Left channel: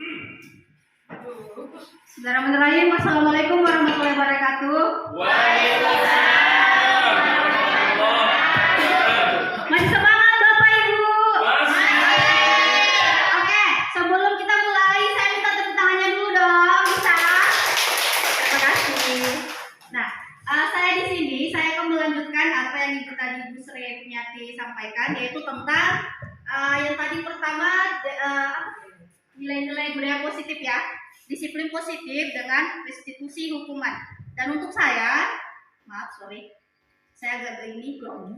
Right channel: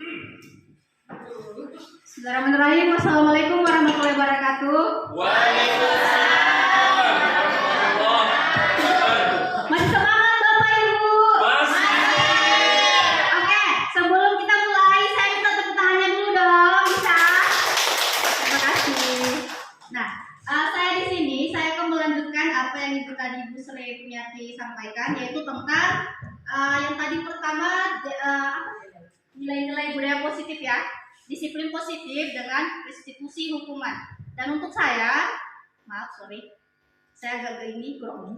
Bismillahirrahmanirrahim. Assalamualaikum warahmatullahi wabarakatuh. Waalaikumsalam warahmatullahi wabarakatuh. Masih semangat Bapak Ibu? Masih. Oke, sebelum kita mulai saya minta tepuk tangannya dulu dong, bisa? Terima kasih. Nah, saya di sini saya akan melanjutkan apa yang Ibu tadi Bu Sri Punyati sampaikan, yaitu tentang yang tadi pertama nilai-nilai budaya positif ya. Disiplin positif dengan restitusi hukuman. Dan untuk saya agak grogi.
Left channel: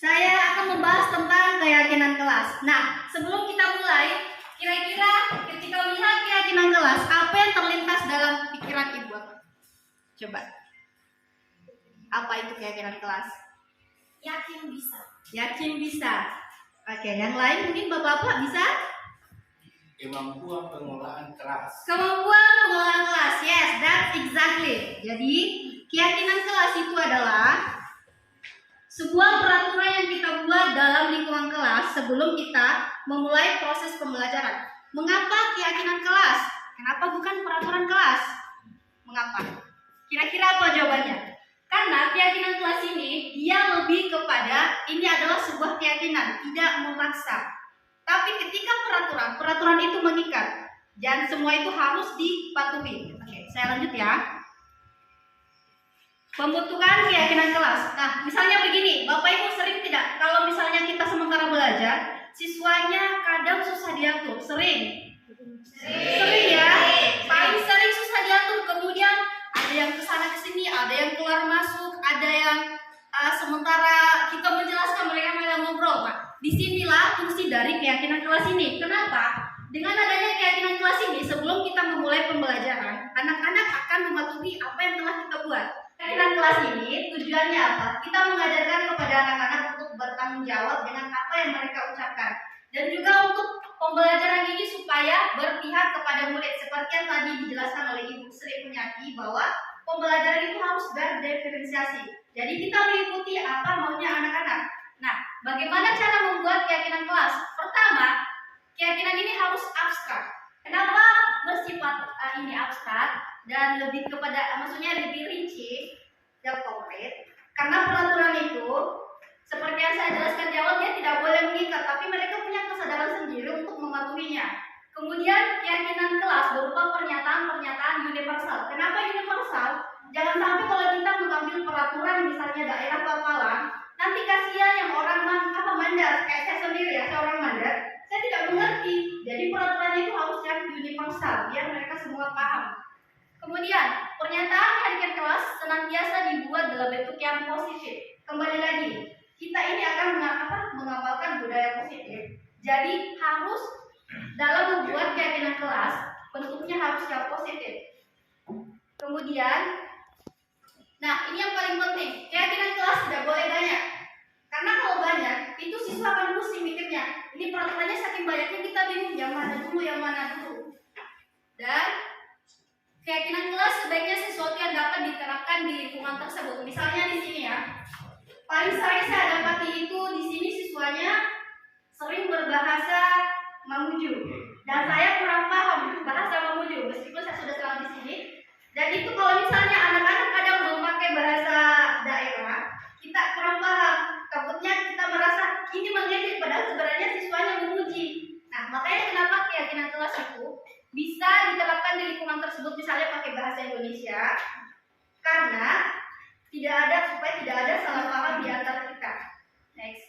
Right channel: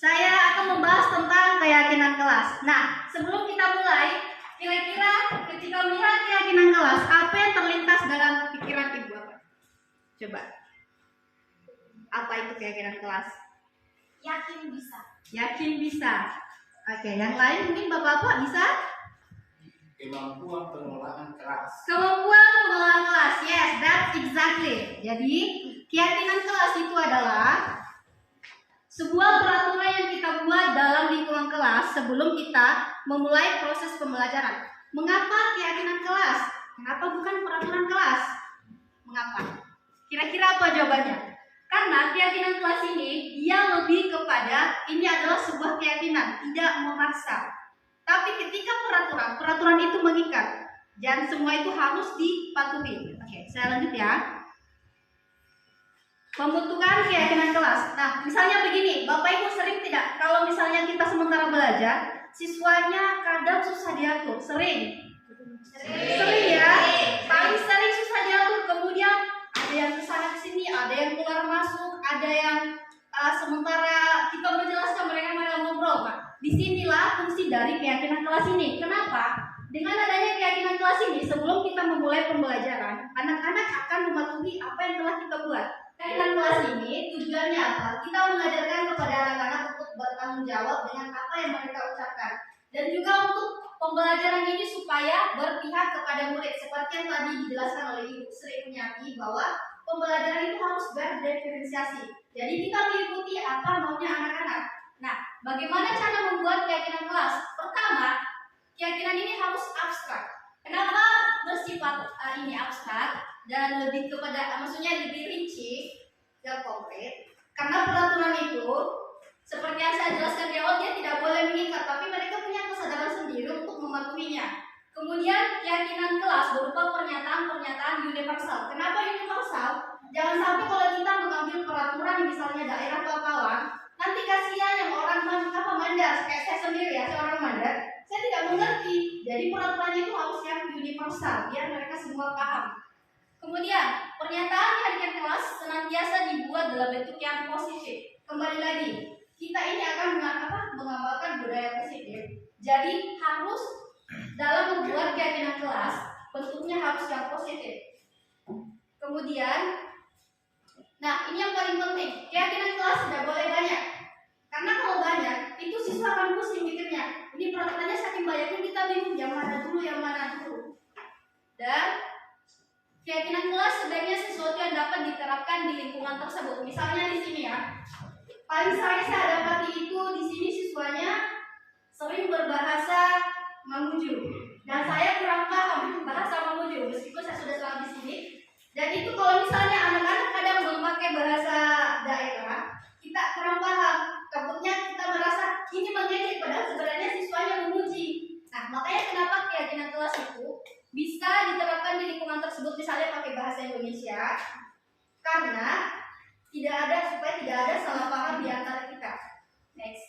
Saya akan membahas tentang keyakinan kelas. Nah, sebelum kita mulai, kira-kira ketika melihat keyakinan kelas, apa yang terlintas dalam pikiran Ibu apa? Coba. Apa itu keyakinan kelas? Yakin bisa. Yakin bisa. Oke, yang lain mungkin Bapak-bapak bisa? Kemampuan pengelolaan kelas. Kemampuan pengelolaan kelas, yes, that's exactly. Jadi, keyakinan kelas itu adalah sebuah peraturan yang kita buat dalam lingkungan kelas sebelum kita memulai proses pembelajaran. Mengapa keyakinan kelas? Kenapa bukan peraturan kelas? Mengapa? Kira-kira apa jawabannya? Karena keyakinan kelas ini, dia lebih kepada ini adalah sebuah keyakinan, tidak memaksa. Tapi ketika peraturan itu mengikat dan semua itu harus dipatuhi. Oke, saya lanjut ya. Pembentukan keyakinan kelas. Nah, misalnya begini, Bapak Ibu sering tidak kalau misalnya kita sementara belajar, siswanya kadang susah diatur. Sering ya. Paling sering susah diatur. Kemudian ada yang kesana kesini, ada yang keluar masuk, ada yang sementara kita menjelaskan mereka malah ngobrol. Nah, disinilah fungsi dari keyakinan kelas ini. Kenapa? Dengan adanya keyakinan kelas ini, sebelum kita memulai pembelajaran, anak-anak akan mematuhi apa yang telah kita buat. Keyakinan kelas ini tujuannya apa? Kita mengajarkan kepada anak-anak untuk bertanggung jawab dengan apa yang mereka ucapkan. Dan juga untuk pembelajaran ini supaya berpihak kepada murid. Seperti yang tadi dijelaskan oleh Ibu Sri Punyati bahwa pembelajaran itu harus berdiferensiasi. Jadi kita mengikuti apa maunya anak-anak. Nah, bagaimana cara membuat keyakinan kelas? Pertama, keyakinan ini harus abstrak. Kenapa bersifat ini abstrak dan lebih kepada, maksudnya lebih rinci dan konkret? Karena peraturan itu, seperti yang saya jelaskan di awal, dia tidak boleh mengikat, tapi mereka punya kesadaran sendiri untuk mematuhinya. Kemudian keyakinan kelas berupa pernyataan-pernyataan universal. Kenapa universal? Jangan sampai kalau kita mengambil peraturan misalnya daerah Papalang, nanti kasihan yang orang mandar, kayak saya sendiri ya, saya orang mandar, saya tidak mengerti. Jadi peraturannya itu harus yang universal, biar mereka semua paham. Kemudian pernyataan keyakinan kelas senantiasa dibuat dalam bentuk yang positif. Kembali lagi, kita ini akan mengamalkan budaya positif. Jadi harus dalam membuat keyakinan kelas bentuknya harus yang positif. Kemudian, nah ini yang paling penting, keyakinan kelas tidak boleh banyak. Karena kalau banyak, itu siswa akan pusing mikirnya. Ini peraturannya saking banyaknya kita bingung yang mana dulu. Dan keyakinan kelas sebaiknya sesuatu yang dapat diterapkan di lingkungan tersebut. Misalnya di sini ya, paling sering saya dapati itu di sini siswanya sering berbahasa Mamuju. Dan saya kurang paham bahasa Mamuju, meskipun saya sudah selama di sini. Dan itu kalau misalnya anak-anak kadang memakai bahasa daerah, kita kurang paham. Takutnya kita merasa ini mengejek, padahal sebenarnya siswanya memuji. Nah, makanya kenapa keyakinan kelas itu bisa diterapkan di lingkungan tersebut, misalnya pakai bahasa Indonesia, karena supaya tidak ada salah paham di antara kita. Next.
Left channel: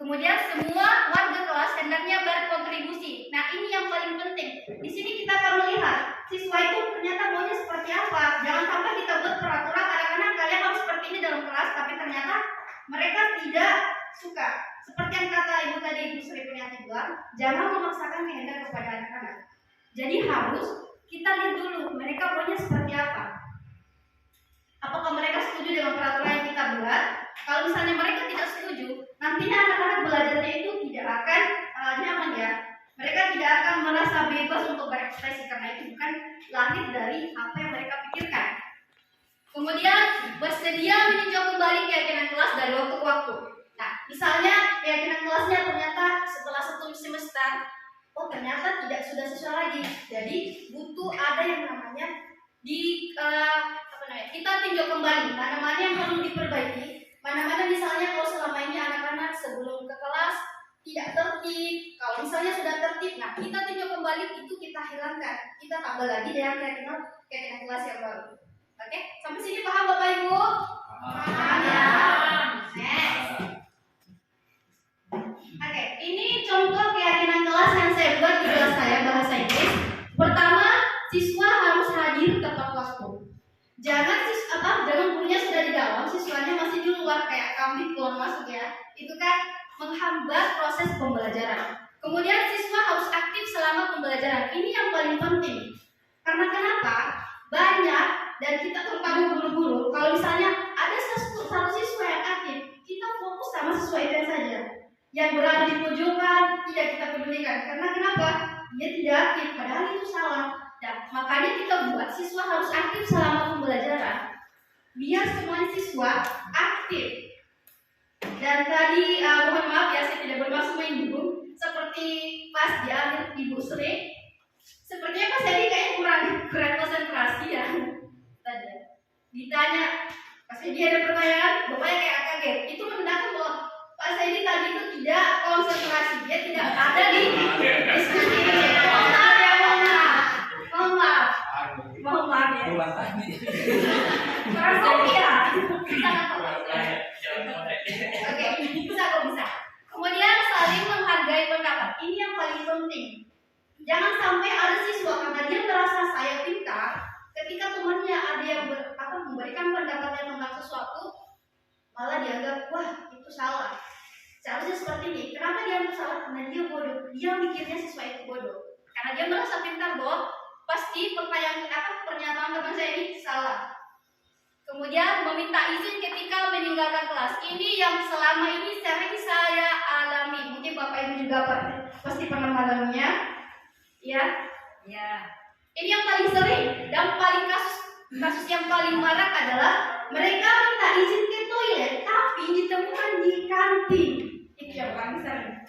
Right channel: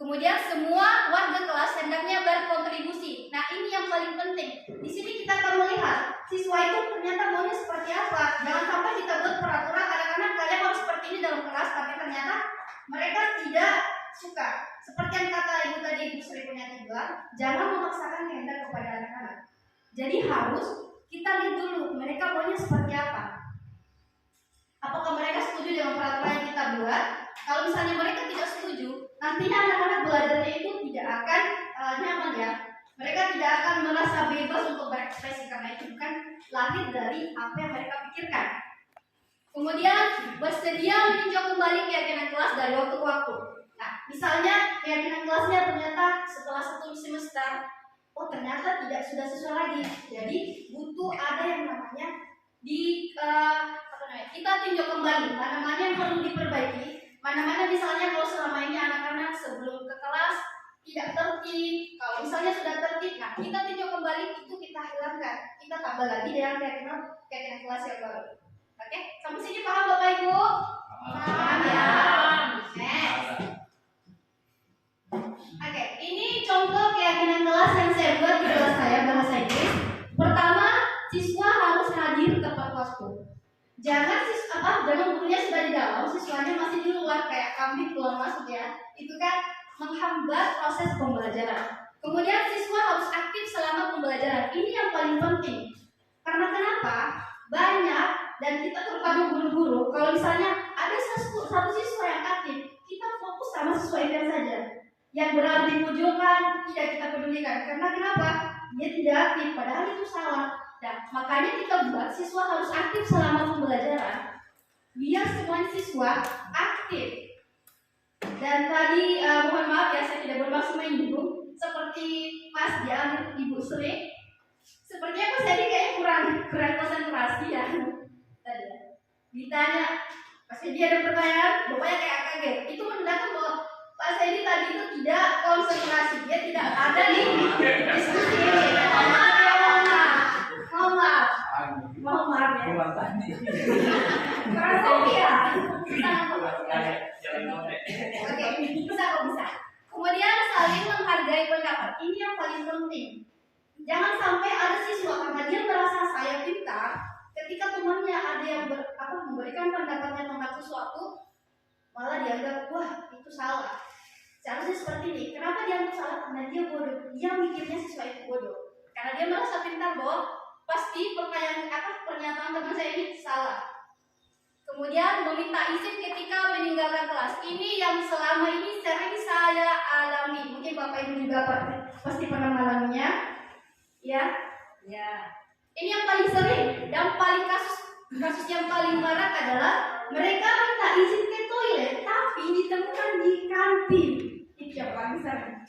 Kemudian semua warga kelas hendaknya berkontribusi. Nah, ini yang paling penting. Di sini kita akan melihat siswa itu ternyata maunya seperti apa. Jangan sampai kita buat peraturan anak-anak kalian harus seperti ini dalam kelas, tapi ternyata mereka tidak suka. Seperti yang kata Ibu tadi, Ibu Sri Punyati bilang, jangan memaksakan kehendak kepada anak-anak. Jadi harus kita lihat dulu mereka maunya seperti apa. Apakah mereka setuju dengan peraturan yang kita buat? Kalau misalnya mereka tidak setuju, nantinya anak-anak belajarnya itu tidak akan nyaman ya. Mereka tidak akan merasa bebas untuk berekspresi karena itu bukan lahir dari apa yang mereka pikirkan. Kemudian bersedia meninjau kembali keyakinan kelas dari waktu ke waktu. Nah, misalnya keyakinan kelasnya ternyata setelah 1 semester oh ternyata tidak sudah sesuai lagi. Jadi butuh ada yang namanya kita tinjau kembali mana-mana yang perlu diperbaiki, mana-mana misalnya kalau selama ini anak-anak sebelum ke kelas tidak tertib, kalau misalnya sudah tertib, nah kita tinjau kembali itu kita hilangkan, kita tambah lagi dengan keyakinan kelas yang baru. Oke, sampai sini paham Bapak Ibu? Paham ya? Oke, ini contoh keyakinan kelas yang saya buat di kelas saya bahasa Inggris. Pertama, siswa harus hadir tepat waktu. Jangan gurunya sudah di dalam, siswanya masih di luar kayak kambing keluar masuk ya. Itu kan menghambat proses pembelajaran. Kemudian siswa harus aktif selama pembelajaran. Ini yang paling penting. Karena kenapa? Banyak dan kita terpadu guru-guru. Kalau misalnya ada satu siswa yang aktif, kita fokus sama siswa itu saja. Yang berada di pojokan tidak kita pedulikan. Karena kenapa? Dia tidak aktif. Padahal itu salah. Dan makanya kita buat siswa harus aktif selama pembelajaran. Biar semua siswa aktif. Dan tadi mohon maaf ya, saya tidak bermaksud menyinggung. Seperti pas dia Ibu Sri, sepertinya Pak Sedi kayaknya kurang konsentrasi ya. Tadi ya. Ditanya, Pak Sedi ada pertanyaan, bapaknya kayak kaget. Itu menandakan bahwa Pak Sedi tadi itu tidak konsentrasi, dia tidak ada di diskusi. Mohon maaf ya. Kurang kopi ya. Oke, bisa kok bisa. Kemudian saling menghargai pendapat. Ini yang paling penting. Jangan sampai ada siswa karena dia merasa saya pintar, ketika temannya ada yang memberikan pendapatnya tentang sesuatu, malah dianggap wah itu salah. Seharusnya seperti ini. Kenapa dianggap salah? Karena dia bodoh. Dia mikirnya siswa itu bodoh. Karena dia merasa pintar bahwa pasti pernyataan teman saya ini salah. Kemudian meminta izin ketika meninggalkan kelas. Ini yang selama ini sering saya alami. Mungkin Bapak Ibu juga pasti pernah mengalaminya. Ya. Ini yang paling sering dan paling kasus yang paling marak adalah mereka minta izin ke toilet tapi ditemukan di kantin. Itu yang paling sering.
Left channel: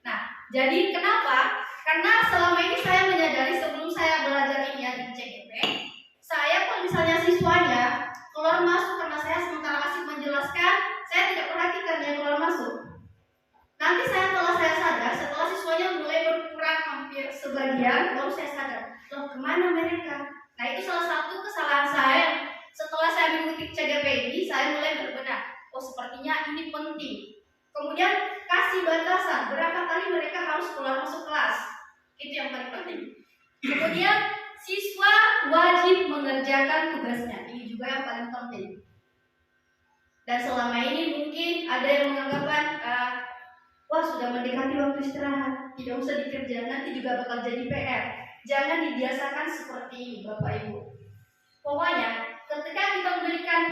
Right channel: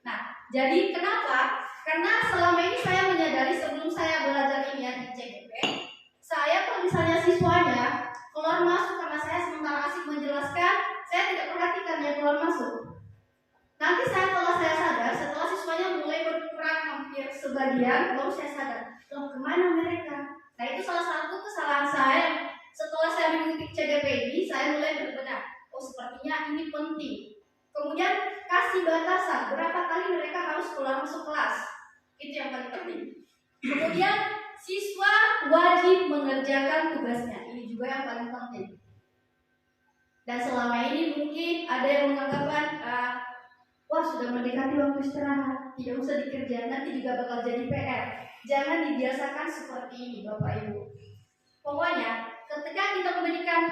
Nah, jadi kenapa? Karena selama ini saya menyadari sebelum saya belajar ini ya di CGP, saya kalau misalnya siswanya keluar masuk karena saya sementara asik menjelaskan, saya tidak perhatikan dia keluar masuk. Nanti setelah saya sadar, setelah siswanya mulai berkurang hampir sebagian, baru saya sadar, loh kemana mereka? Nah itu salah satu kesalahan saya. Setelah saya mengikuti CGP ini, saya mulai berbenah. Oh sepertinya ini penting. Kemudian kasih batasan berapa kali mereka harus keluar masuk kelas. Itu yang paling penting. Kemudian siswa wajib mengerjakan tugasnya. Ini juga yang paling penting. Dan selama ini mungkin ada yang menganggapan wah sudah mendekati waktu istirahat, tidak usah dikerja, nanti juga bakal jadi PR. Jangan dibiasakan seperti ini Bapak Ibu. Pokoknya ketika kita memberikan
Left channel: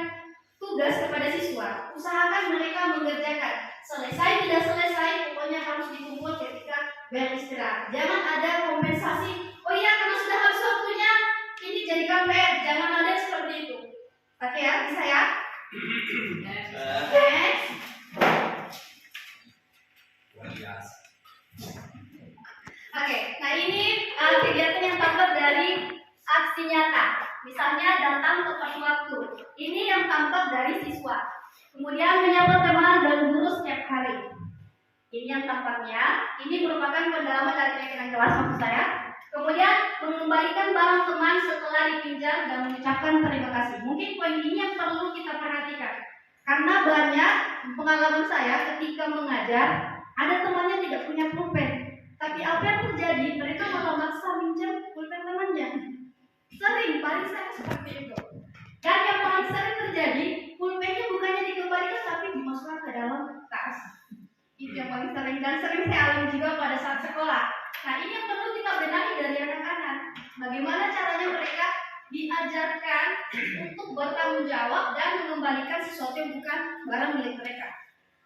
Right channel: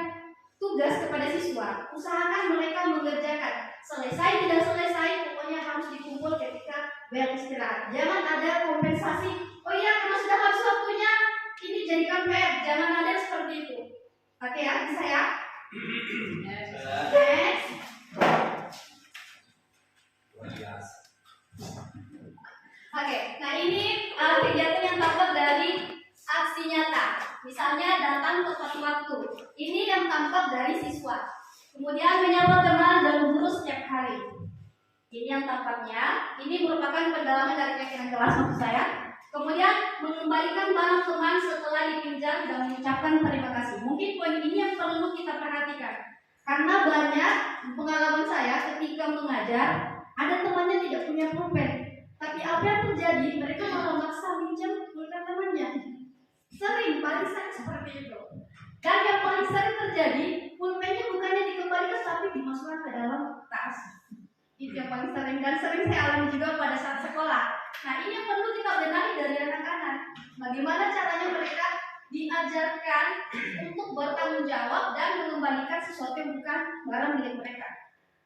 tugas kepada siswa, usahakan mereka mengerjakan. Selesai tidak selesai, pokoknya harus dikumpul ketika beristirahat. Jangan ada kompensasi. Oh iya, karena sudah habis waktunya, ini jadikan PR. Jangan ada seperti itu. Oke ya, bisa ya? Next. Oke, nah ini kegiatan yang tampak dari aksi nyata. Misalnya datang tepat waktu. Ini yang tampak dari siswa. Kemudian menyapa teman dan guru setiap hari. Ini yang tampaknya. Ini merupakan pendalaman dari keyakinan kelas maksud saya. Kemudian mengembalikan barang teman setelah dipinjam dan mengucapkan terima kasih. Mungkin poin ini yang perlu kita perhatikan. Karena banyak pengalaman saya ketika mengajar, ada temannya tidak punya pulpen. Tapi apa yang terjadi? Mereka malah maksa minjam pulpen temannya. Sering, paling sering seperti itu. Dan yang paling sering terjadi, pulpennya bukannya dikembalikan tapi dimasukkan ke dalam tas. Itu yang paling sering dan sering saya alami juga pada saat sekolah. Nah ini yang perlu kita benahi dari anak-anak. Bagaimana caranya mereka diajarkan untuk bertanggung jawab dan mengembalikan sesuatu yang bukan barang milik mereka.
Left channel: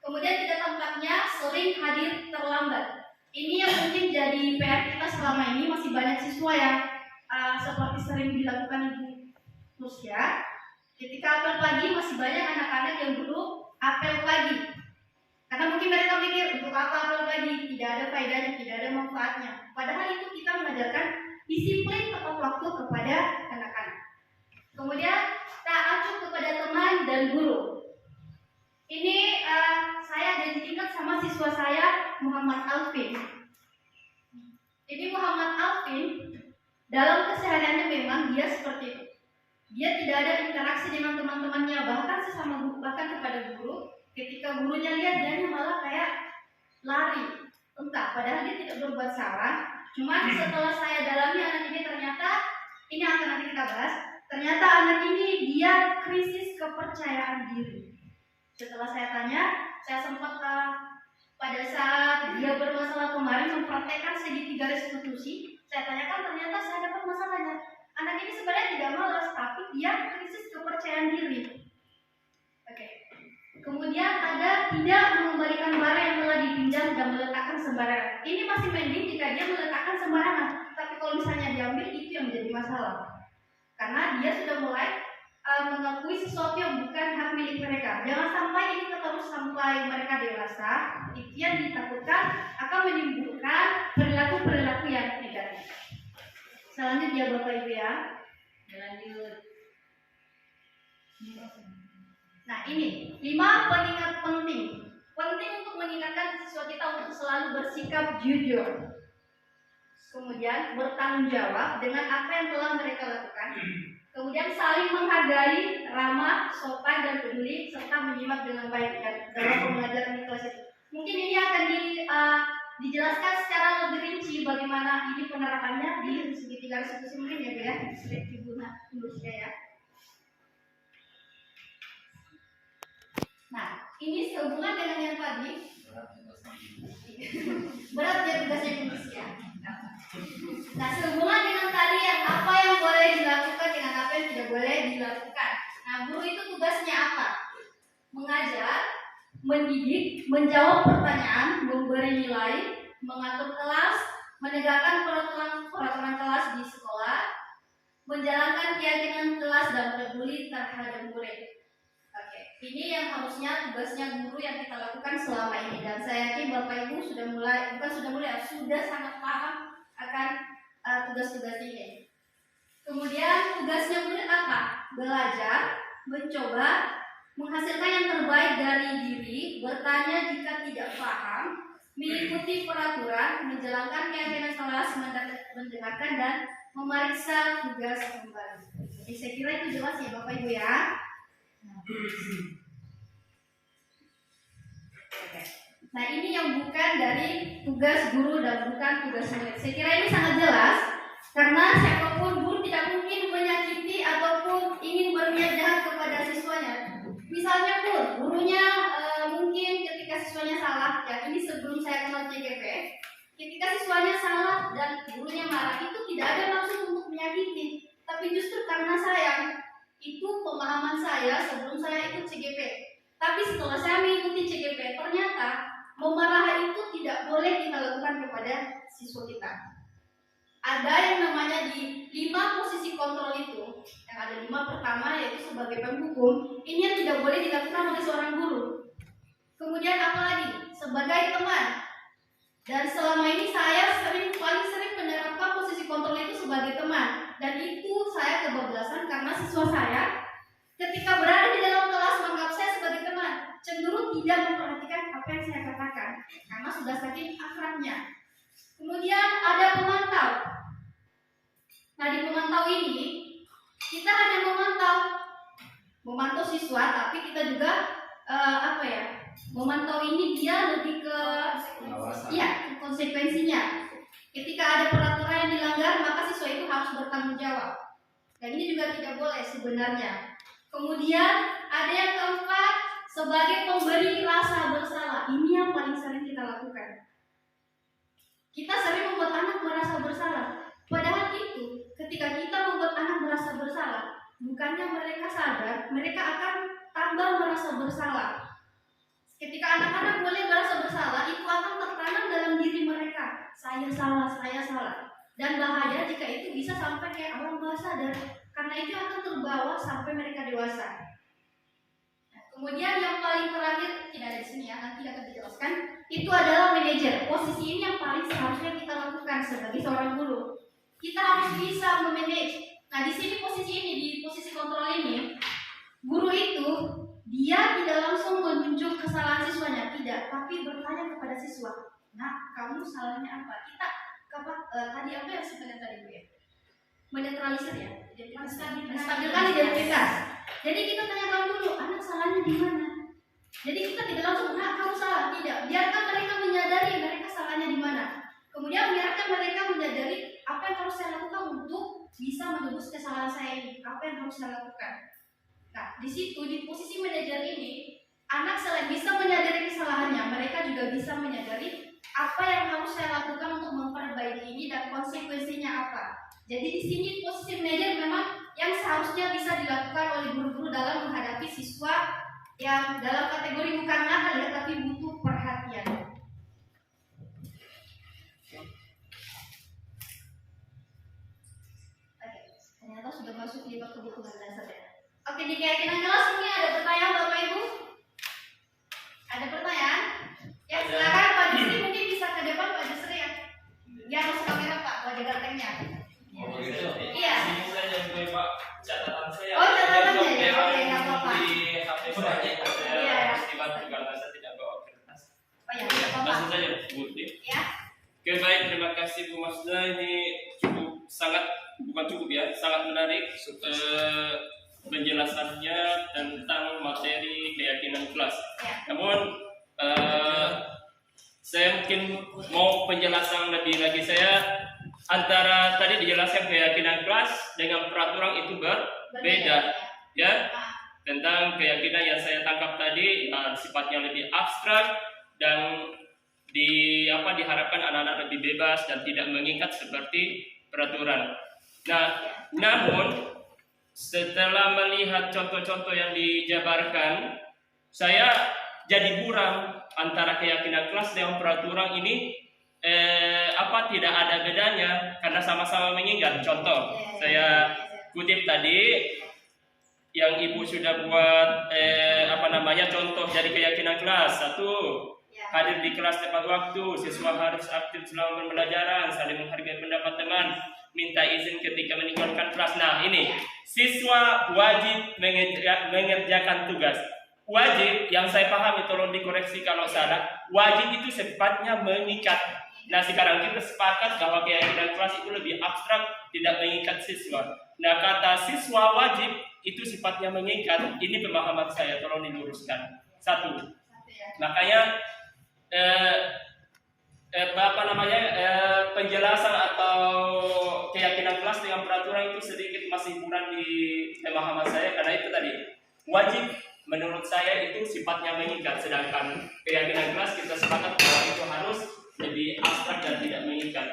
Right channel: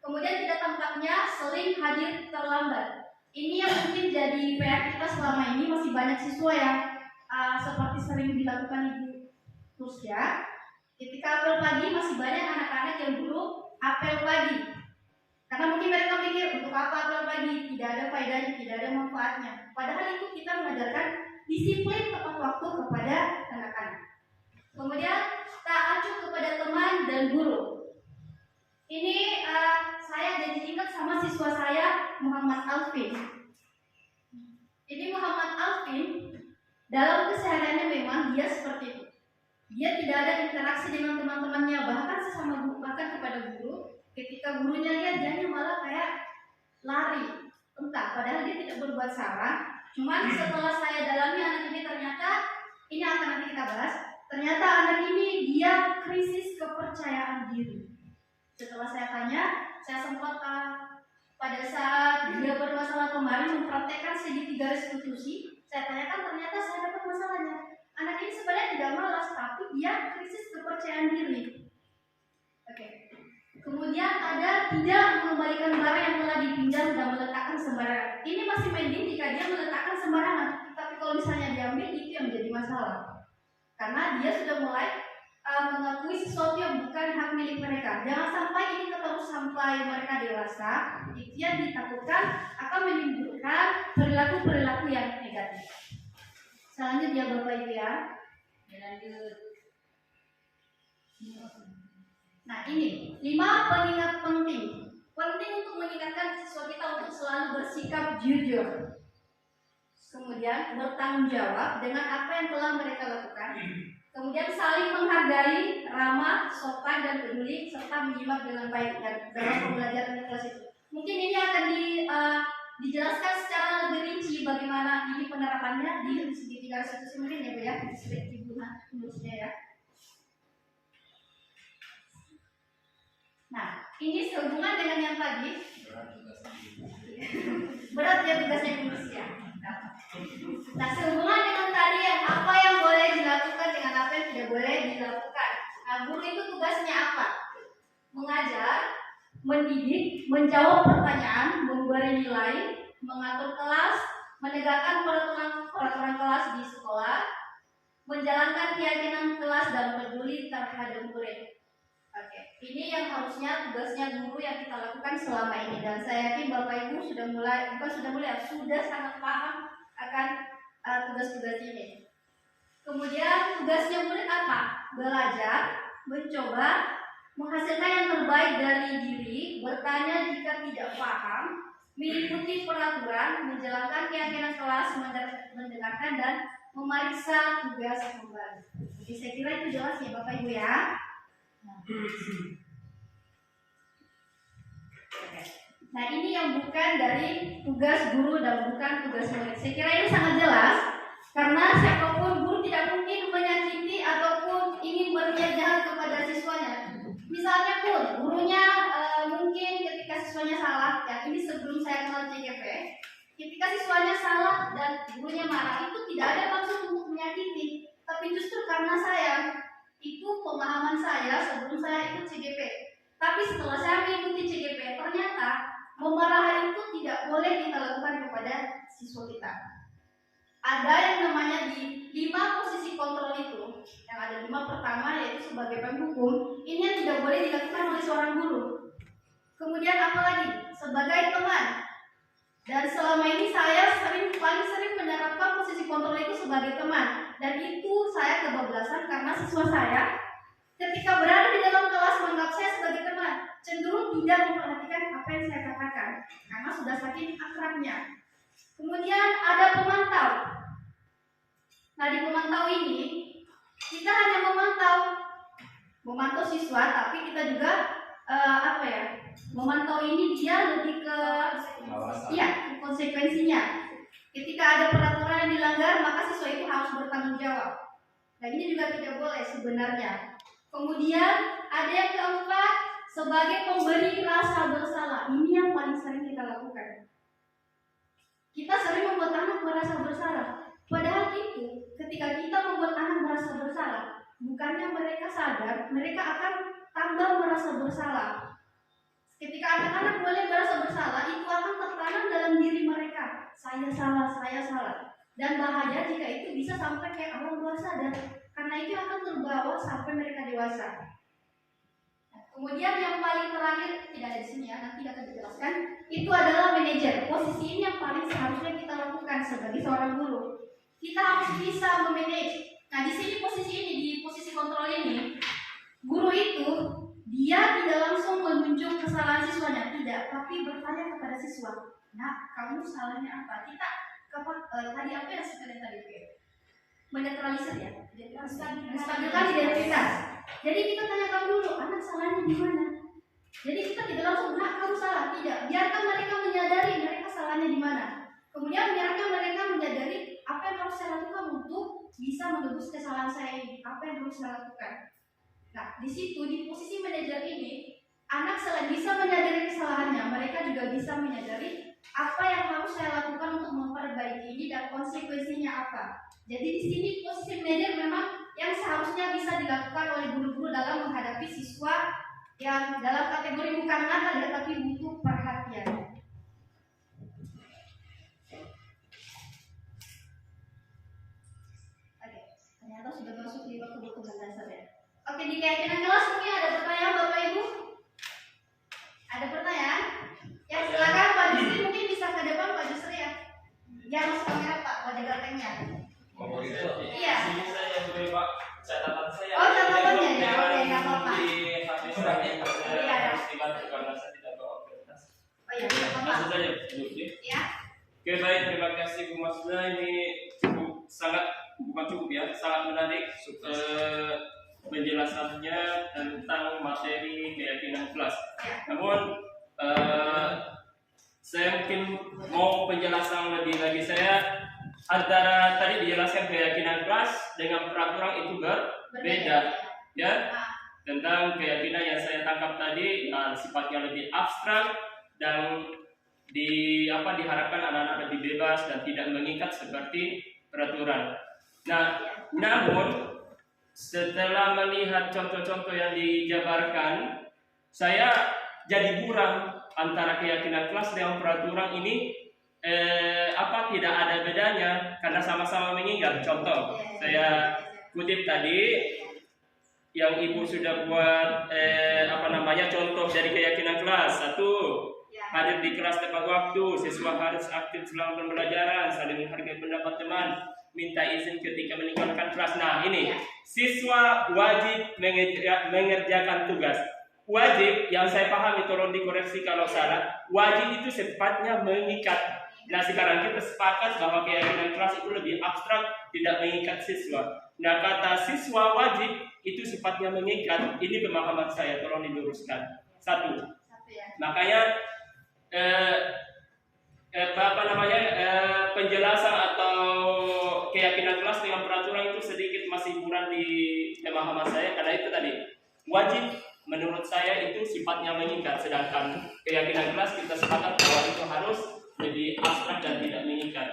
Kemudian tidak tampaknya sering hadir terlambat. Ini yang mungkin jadi PR kita selama ini. Masih banyak siswa yang seperti sering dilakukan Ibu Nusya. Ketika apel pagi masih banyak anak-anak yang dulu apel pagi. Karena mungkin mereka pikir untuk apa upload lagi, tidak ada faedahnya, tidak ada manfaatnya. Padahal itu kita mengajarkan disiplin tepat waktu kepada anak-anak. Kemudian tak acuh kepada teman dan guru. Ini saya jadi ingat sama siswa saya Muhammad Alvin. Ini Muhammad Alvin dalam kesehariannya memang dia seperti itu. Dia tidak ada interaksi dengan teman-temannya, bahkan sesama guru, bahkan kepada guru. Ketika gurunya lihat, dia malah kayak lari, entah. Padahal dia tidak berbuat salah. Cuma setelah saya dalami anak ini ternyata, ini akan nanti kita bahas. Ternyata anak ini dia krisis kepercayaan diri. Setelah saya tanya, saya sempat pada saat dia bermasalah kemarin mempraktekkan segitiga restitusi, saya tanyakan ternyata saya dapat masalahnya. Anak ini sebenarnya tidak malas, tapi dia krisis kepercayaan diri. Oke. Kemudian ada tidak mengembalikan barang yang telah dipinjam dan meletakkan sembarangan. Ini masih mending jika dia meletakkan sembarangan, tapi kalau misalnya diambil itu yang menjadi masalah. Karena dia sudah mulai mengakui sesuatu yang bukan hak milik mereka. Jangan sampai ini terus sampai mereka dewasa. Itu yang ditakutkan akan menimbulkan perilaku-perilaku yang negatif. Selanjutnya Bapak Ibu ya. Lanjut. Nah ini 5 pengingat penting. Penting untuk mengingatkan siswa kita untuk selalu bersikap jujur. Kemudian bertanggung jawab dengan apa yang telah mereka lakukan. Kemudian saling menghargai, ramah, sopan dan peduli, serta menyimak dengan baik dalam pembelajaran di kelas itu. Mungkin ini akan dijelaskan secara lebih rinci bagaimana ini penerapannya di segitiga restitusi mungkin ya Bu ya, di slide Ibu tulisnya ya. Nah, ini sehubungan dengan yang tadi. Berat ya tugasnya manusia. Nah, sehubungan dengan tadi yang apa yang boleh dilakukan dengan apa yang tidak boleh dilakukan. Nah, guru itu tugasnya apa? Mengajar, mendidik, menjawab pertanyaan, memberi nilai, mengatur kelas, menegakkan peraturan kelas di sekolah, menjalankan keyakinan kelas dan peduli terhadap murid. Oke, ini yang harusnya tugasnya guru yang kita lakukan selama ini, dan saya yakin Bapak Ibu sudah sangat paham akan tugas-tugas ini. Kemudian tugasnya murid apa? Belajar, mencoba, menghasilkan yang terbaik dari diri, bertanya jika tidak paham, mengikuti peraturan, menjalankan keyakinan kelas, mendengarkan dan memeriksa tugas kembali. Jadi saya kira itu jelas ya Bapak Ibu ya. Nah ini yang bukan dari tugas guru dan bukan tugas murid. Saya kira ini sangat jelas karena siapapun guru tidak mungkin menyakiti ataupun ingin berniat jahat kepada siswanya. Misalnya pun gurunya mungkin ketika siswanya salah, ya ini sebelum saya kenal CGP, ketika siswanya salah dan gurunya marah, itu tidak ada maksud untuk menyakiti, tapi justru karena sayang. Itu pemahaman saya sebelum saya ikut CGP. Tapi setelah saya mengikuti CGP, ternyata memarahi itu tidak boleh kita lakukan kepada siswa kita. Ada yang namanya di 5 posisi kontrol itu, yang ada 5 pertama yaitu sebagai penghukum, ini yang tidak boleh dilakukan oleh seorang guru. Kemudian apa lagi? Sebagai teman. Dan selama ini saya paling sering menerapkan posisi kontrol itu sebagai teman. Dan itu saya kebablasan karena siswa saya ketika berada di dalam kelas menganggap saya sebagai teman, cenderung tidak memperhatikan apa yang saya katakan karena sudah saking akrabnya. Kemudian ada pemantau. Nah di pemantau ini kita hanya memantau siswa, tapi kita juga memantau ini dia lebih ke konsekuensinya. Ketika ada peraturan yang dilanggar, maka siswa itu harus bertanggung jawab. Dan ini juga tidak boleh sebenarnya. Kemudian ada yang keempat, sebagai pemberi rasa bersalah. Ini yang paling sering kita lakukan. Kita sering membuat anak merasa bersalah. Padahal itu, ketika kita membuat anak merasa bersalah, bukannya mereka sadar, mereka akan tambah merasa bersalah. Ketika anak-anak boleh merasa bersalah, itu akan tertanam dalam diri mereka. Saya salah. Dan bahaya jika itu bisa sampai kayak orang bawah sadar. Karena itu akan terbawa sampai mereka dewasa. Kemudian yang paling terakhir, tidak ada di sini ya, nanti akan dijelaskan. Itu adalah manajer. Posisi ini yang paling seharusnya kita lakukan sebagai seorang guru. Kita harus bisa memanage. Nah, di sini posisi ini, di posisi kontrol ini, guru itu dia tidak langsung menunjuk kesalahan siswanya, tidak, tapi bertanya kepada siswa. Nah, kamu salahnya apa? Kita tadi apa yang saya kalian tadi Bu ya? Menetralisir ya, menstabilkan identitas. Jadi kita tanyakan dulu, anak salahnya di mana? Jadi kita tidak langsung, nah kamu salah, tidak. Biarkan mereka menyadari mereka salahnya di mana. Kemudian biarkan mereka menyadari apa yang harus saya lakukan untuk bisa menebus kesalahan saya ini. Apa yang harus saya lakukan? Nah, di situ di posisi manajer ini, anak selain bisa menyadari kesalahannya, mereka juga bisa menyadari apa yang harus saya lakukan untuk memperbaiki ini dan konsekuensinya apa. Jadi di sini posisi manajer memang yang seharusnya bisa dilakukan oleh guru-guru dalam menghadapi siswa yang dalam kategori bukan nakal ya, tapi butuh perhatian. Oke, ternyata sudah masuk di bab kebutuhan dasar ya. Oke, di keyakinan kelas mungkin ada pertanyaan Bapak Ibu? Ada pertanyaan? Ya silakan Pak Jusri, mungkin bisa ke depan Pak Jusri ya. Ya masuk kamera Pak, wajah gantengnya. Oh, begitu. Iya. Sini saja Bu, Pak. Catatan saya. Oh, catatannya ya. Memang Oke, nggak apa-apa. Di HP saya Iya. harus dibantu karena saya tidak bawa kertas. Oh ya, tidak apa-apa. Langsung saja Bu. Ya. Oke, baik, terima kasih Bu Masda. Ini cukup sangat bukan cukup ya, sangat menarik penjelasannya tentang materi keyakinan kelas. Ya. Namun saya mungkin mau penjelasan lebih lagi. Saya antara tadi dijelaskan keyakinan kelas dengan peraturan itu berbeda ya. Tentang keyakinan yang saya tangkap tadi sifatnya lebih abstrak dan diharapkan anak-anak lebih bebas dan tidak mengikat seperti peraturan. Nah, namun setelah melihat contoh-contoh yang dijabarkan, saya jadi buram antara keyakinan kelas dengan peraturan ini tidak ada bedanya karena sama-sama mengingat. Contoh, saya kutip tadi yang Ibu sudah buat contoh dari keyakinan kelas. 1. Hadir di kelas tepat waktu, siswa harus aktif selama pembelajaran, saling menghargai pendapat teman, minta izin ketika meninggalkan kelas. Nah, ini siswa wajib mengerjakan tugas. Wajib yang saya pahami, tolong dikoreksi kalau salah. Wajib itu sifatnya mengikat. Nah, sekarang kita sepakat bahwa keyakinan kelas itu lebih abstrak, tidak mengikat siswa. Nah, kata siswa wajib itu sifatnya mengikat. Ini pemahaman saya, tolong diluruskan. 1. Makanya penjelasan atau keyakinan kelas dengan peraturan itu sedikit masih kurang di pemahaman saya, karena itu tadi wajib menurut saya itu sifatnya mengikat, sedangkan keyakinan kelas kita sepakat bahwa itu harus lebih abstrak dan tidak mengikat.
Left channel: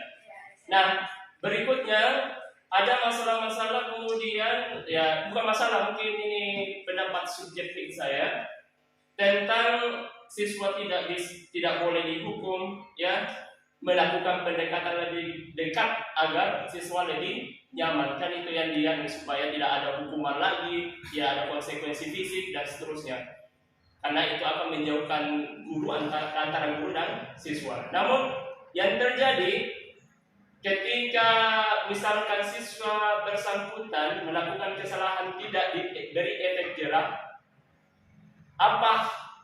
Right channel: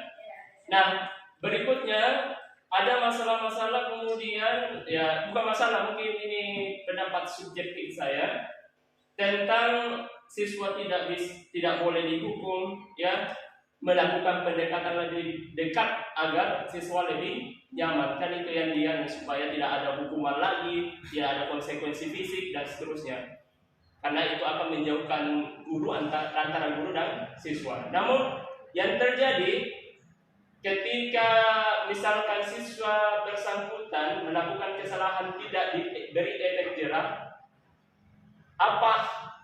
Nah, berikutnya ada masalah-masalah kemudian ya bukan masalah, mungkin ini pendapat subjektif saya tentang siswa tidak boleh dihukum ya, melakukan pendekatan lebih dekat agar siswa lebih nyaman. Kan itu yang dia supaya tidak ada hukuman lagi, tidak ada konsekuensi fisik dan seterusnya. Karena itu akan menjauhkan guru antara guru dan siswa. Namun yang terjadi ketika misalkan siswa bersangkutan melakukan kesalahan tidak diberi efek jerah,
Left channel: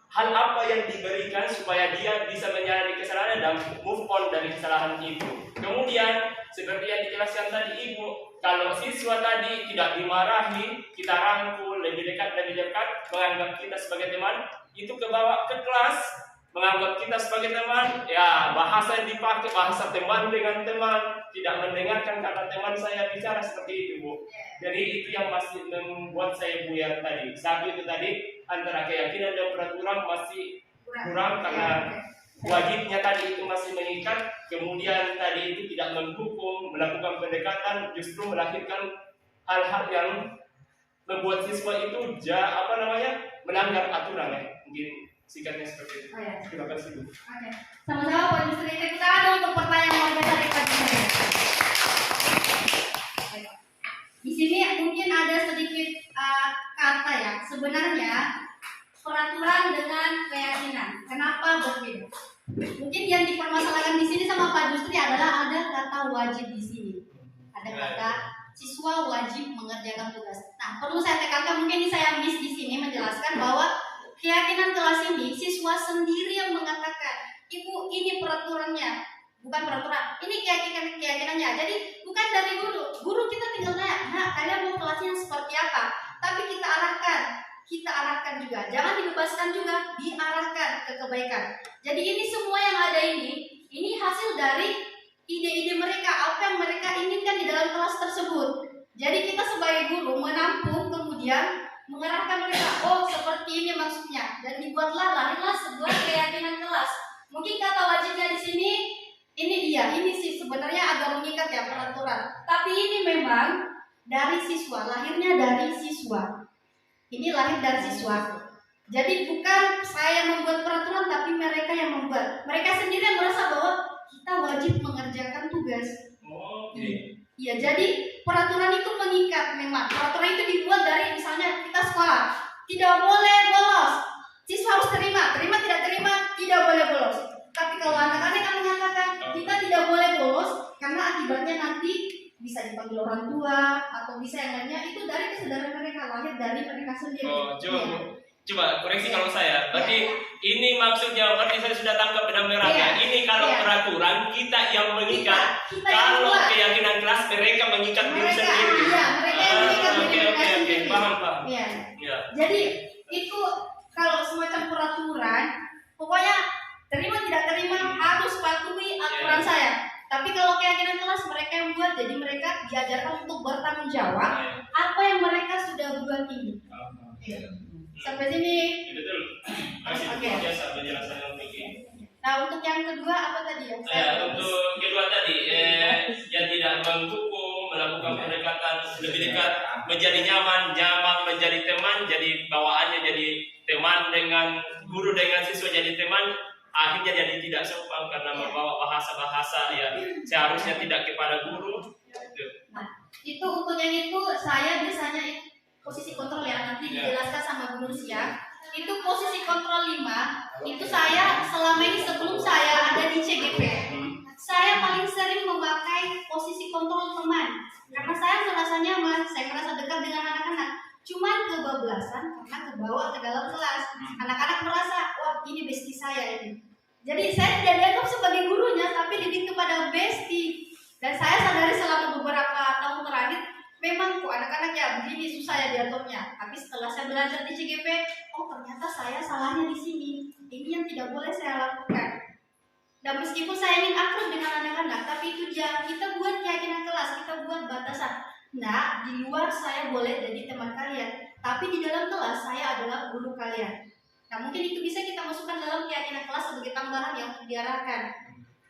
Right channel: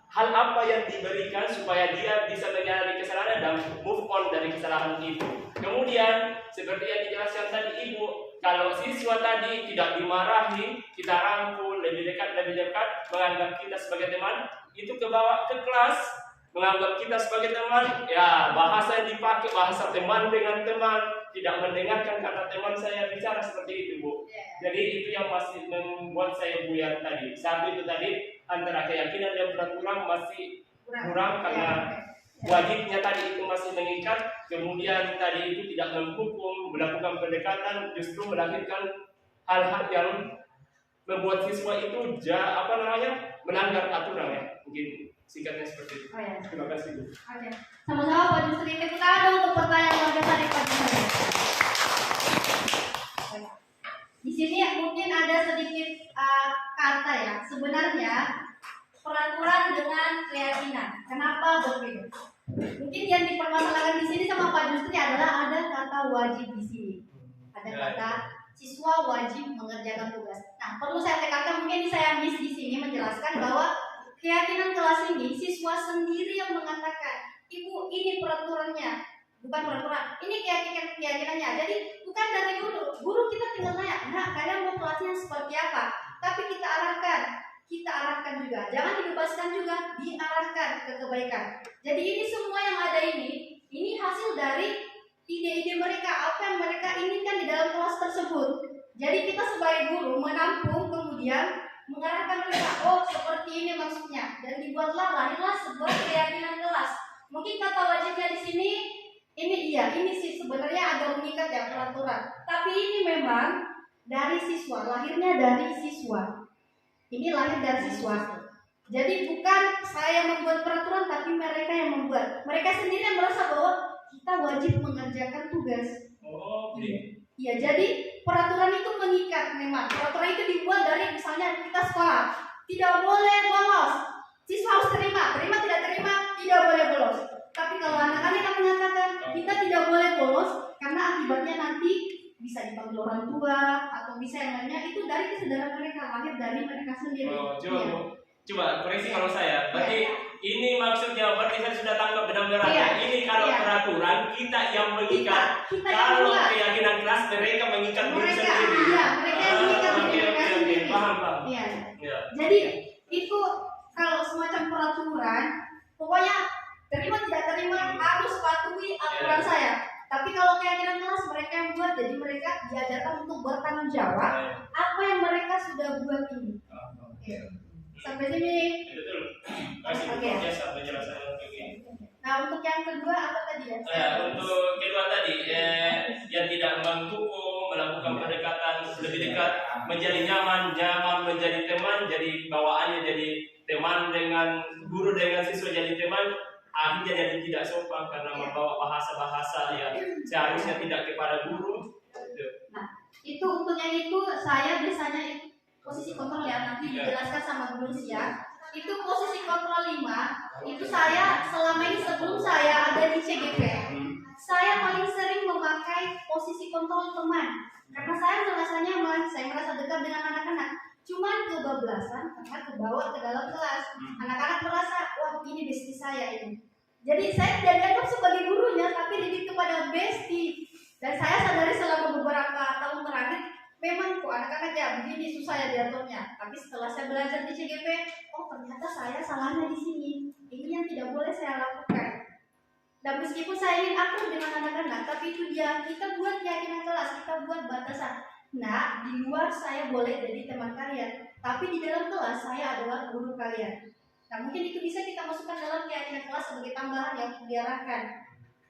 hal apa yang diberikan supaya dia bisa menyadari kesalahannya dan move on dari kesalahan itu. Kemudian seperti yang dijelaskan tadi Ibu, kalau siswa tadi tidak dimarahi, kita rangkul lebih dekat, menganggap kita sebagai teman, itu kebawa ke kelas, menganggap kita sebagai teman, ya bahasa yang dipakai bahasa teman dengan teman, tidak mendengarkan kata teman saya bicara seperti itu Bu. Jadi itu yang masih membuat saya buyar tadi. Satu itu tadi antara keyakinan dan peraturan masih kurang karena wajibnya tadi itu masih mengikat, kemudian tadi itu tidak menghukum, melakukan pendekatan, justru melahirkan hal-hal yang membuat siswa itu melanggar aturan ya. Mungkin singkatnya seperti itu. Oh, ya. Terima kasih Bu. Oke. Sama-sama Pak Jusri. Kita ada untuk pertanyaan yang dari Pak Jusri. Di sini mungkin ada sedikit kata ya. Sebenarnya kata wajib di sini. Ada kata siswa wajib mengerjakan tugas. Nah, perlu saya tekankan, mungkin ini saya miss di sini menjelaskan bahwa keyakinan kelas ini siswa sendiri yang mengatakan, Ibu ini peraturannya, bukan peraturan, ini keyakinannya. Jadi bukan dari guru. Guru kita tinggal tanya, nah kalian mau kelasnya seperti apa? Tapi kita arahkan juga. Jangan dibebaskan juga, diarahkan ke kebaikan. Jadi ini semua yang ada ini hasil dari ide-ide mereka, apa yang mereka inginkan di dalam kelas tersebut. Jadi kita sebagai guru menampung, kemudian mengarahkan mereka, oh seperti ini maksudnya, dan lahirlah sebuah keyakinan kelas. Mungkin kata wajibnya di sini, ini sih sebenarnya agak mengikat ya peraturan. Tapi ini memang dari siswa, lahirnya dari siswa. Ini lahir dari siswa. Jadi bukan saya membuat peraturan, tapi mereka yang membuat. Mereka sendiri yang merasa bahwa kita wajib mengerjakan tugas. Iya, jadi peraturan itu mengikat memang. Peraturan itu dibuat dari misalnya kita sekolah, tidak boleh bolos. Siswa harus terima tidak terima, tidak boleh bolos. Tapi kalau anak-anak yang menyatakan kita tidak boleh bolos karena akibatnya nanti bisa dipanggil orang tua atau bisa yang lainnya, itu dari kesadaran mereka, lahir dari mereka sendiri. Coba koreksi kalau saya, berarti ini maksudnya, berarti saya sudah tangkap benang merahnya. Ini kalau peraturan kita yang mengikat, kalau keyakinan kelas mereka mengikat diri sendiri. Iya, mereka yang mengikat diri mereka sendiri. Paham. Iya. Ya. Jadi itu kalau semacam peraturan, pokoknya terima tidak terima harus patuhi aturan saya. Tapi kalau keyakinan kelas mereka yang buat, jadi mereka diajarkan untuk bertanggung jawab apa yang mereka sudah buat ini. Sampai sini. Betul. Oke. Biasa penjelasan yang begini. Nah, untuk yang kedua apa tadi ya? Untuk kedua tadi, yang tidak menghukum, melakukan pendekatan lebih dekat, menjadi nyaman menjadi teman, jadi bawaannya jadi teman dengan guru, dengan siswa jadi teman, akhirnya jadi tidak sopan karena membawa bahasa-bahasa yang seharusnya tidak kepada guru. Nah, itu untuk yang itu saya biasanya posisi kontrol ya, nanti dijelaskan sama guru Sia. Itu posisi kontrol 5, itu saya selama ini sebelum saya ada di CGP, saya paling sering memakai posisi kontrol teman karena saya merasa nyaman, saya merasa dekat dengan anak-anak. Cuman kebablasan karena kebawa ke dalam kelas, anak-anak merasa wah ini bestie saya ini. Jadi saya tidak dianggap sebagai gurunya, tapi didik kepada bestie. Dan saya sadari selama beberapa tahun terakhir, memang kok anak-anak ya begini susah ya diaturnya. Tapi setelah saya belajar di CGP, oh ternyata saya salahnya di sini. Ini yang tidak boleh saya lakukan. Dan meskipun saya ingin akrab dengan anak-anak, tapi itu dia, kita buat keyakinan kelas, kita buat batasan. Nah, di luar saya boleh jadi teman kalian, tapi di dalam kelas saya adalah guru kalian. Nah, mungkin itu bisa kita masukkan dalam keyakinan kelas sebagai tambahan yang untuk diarahkan.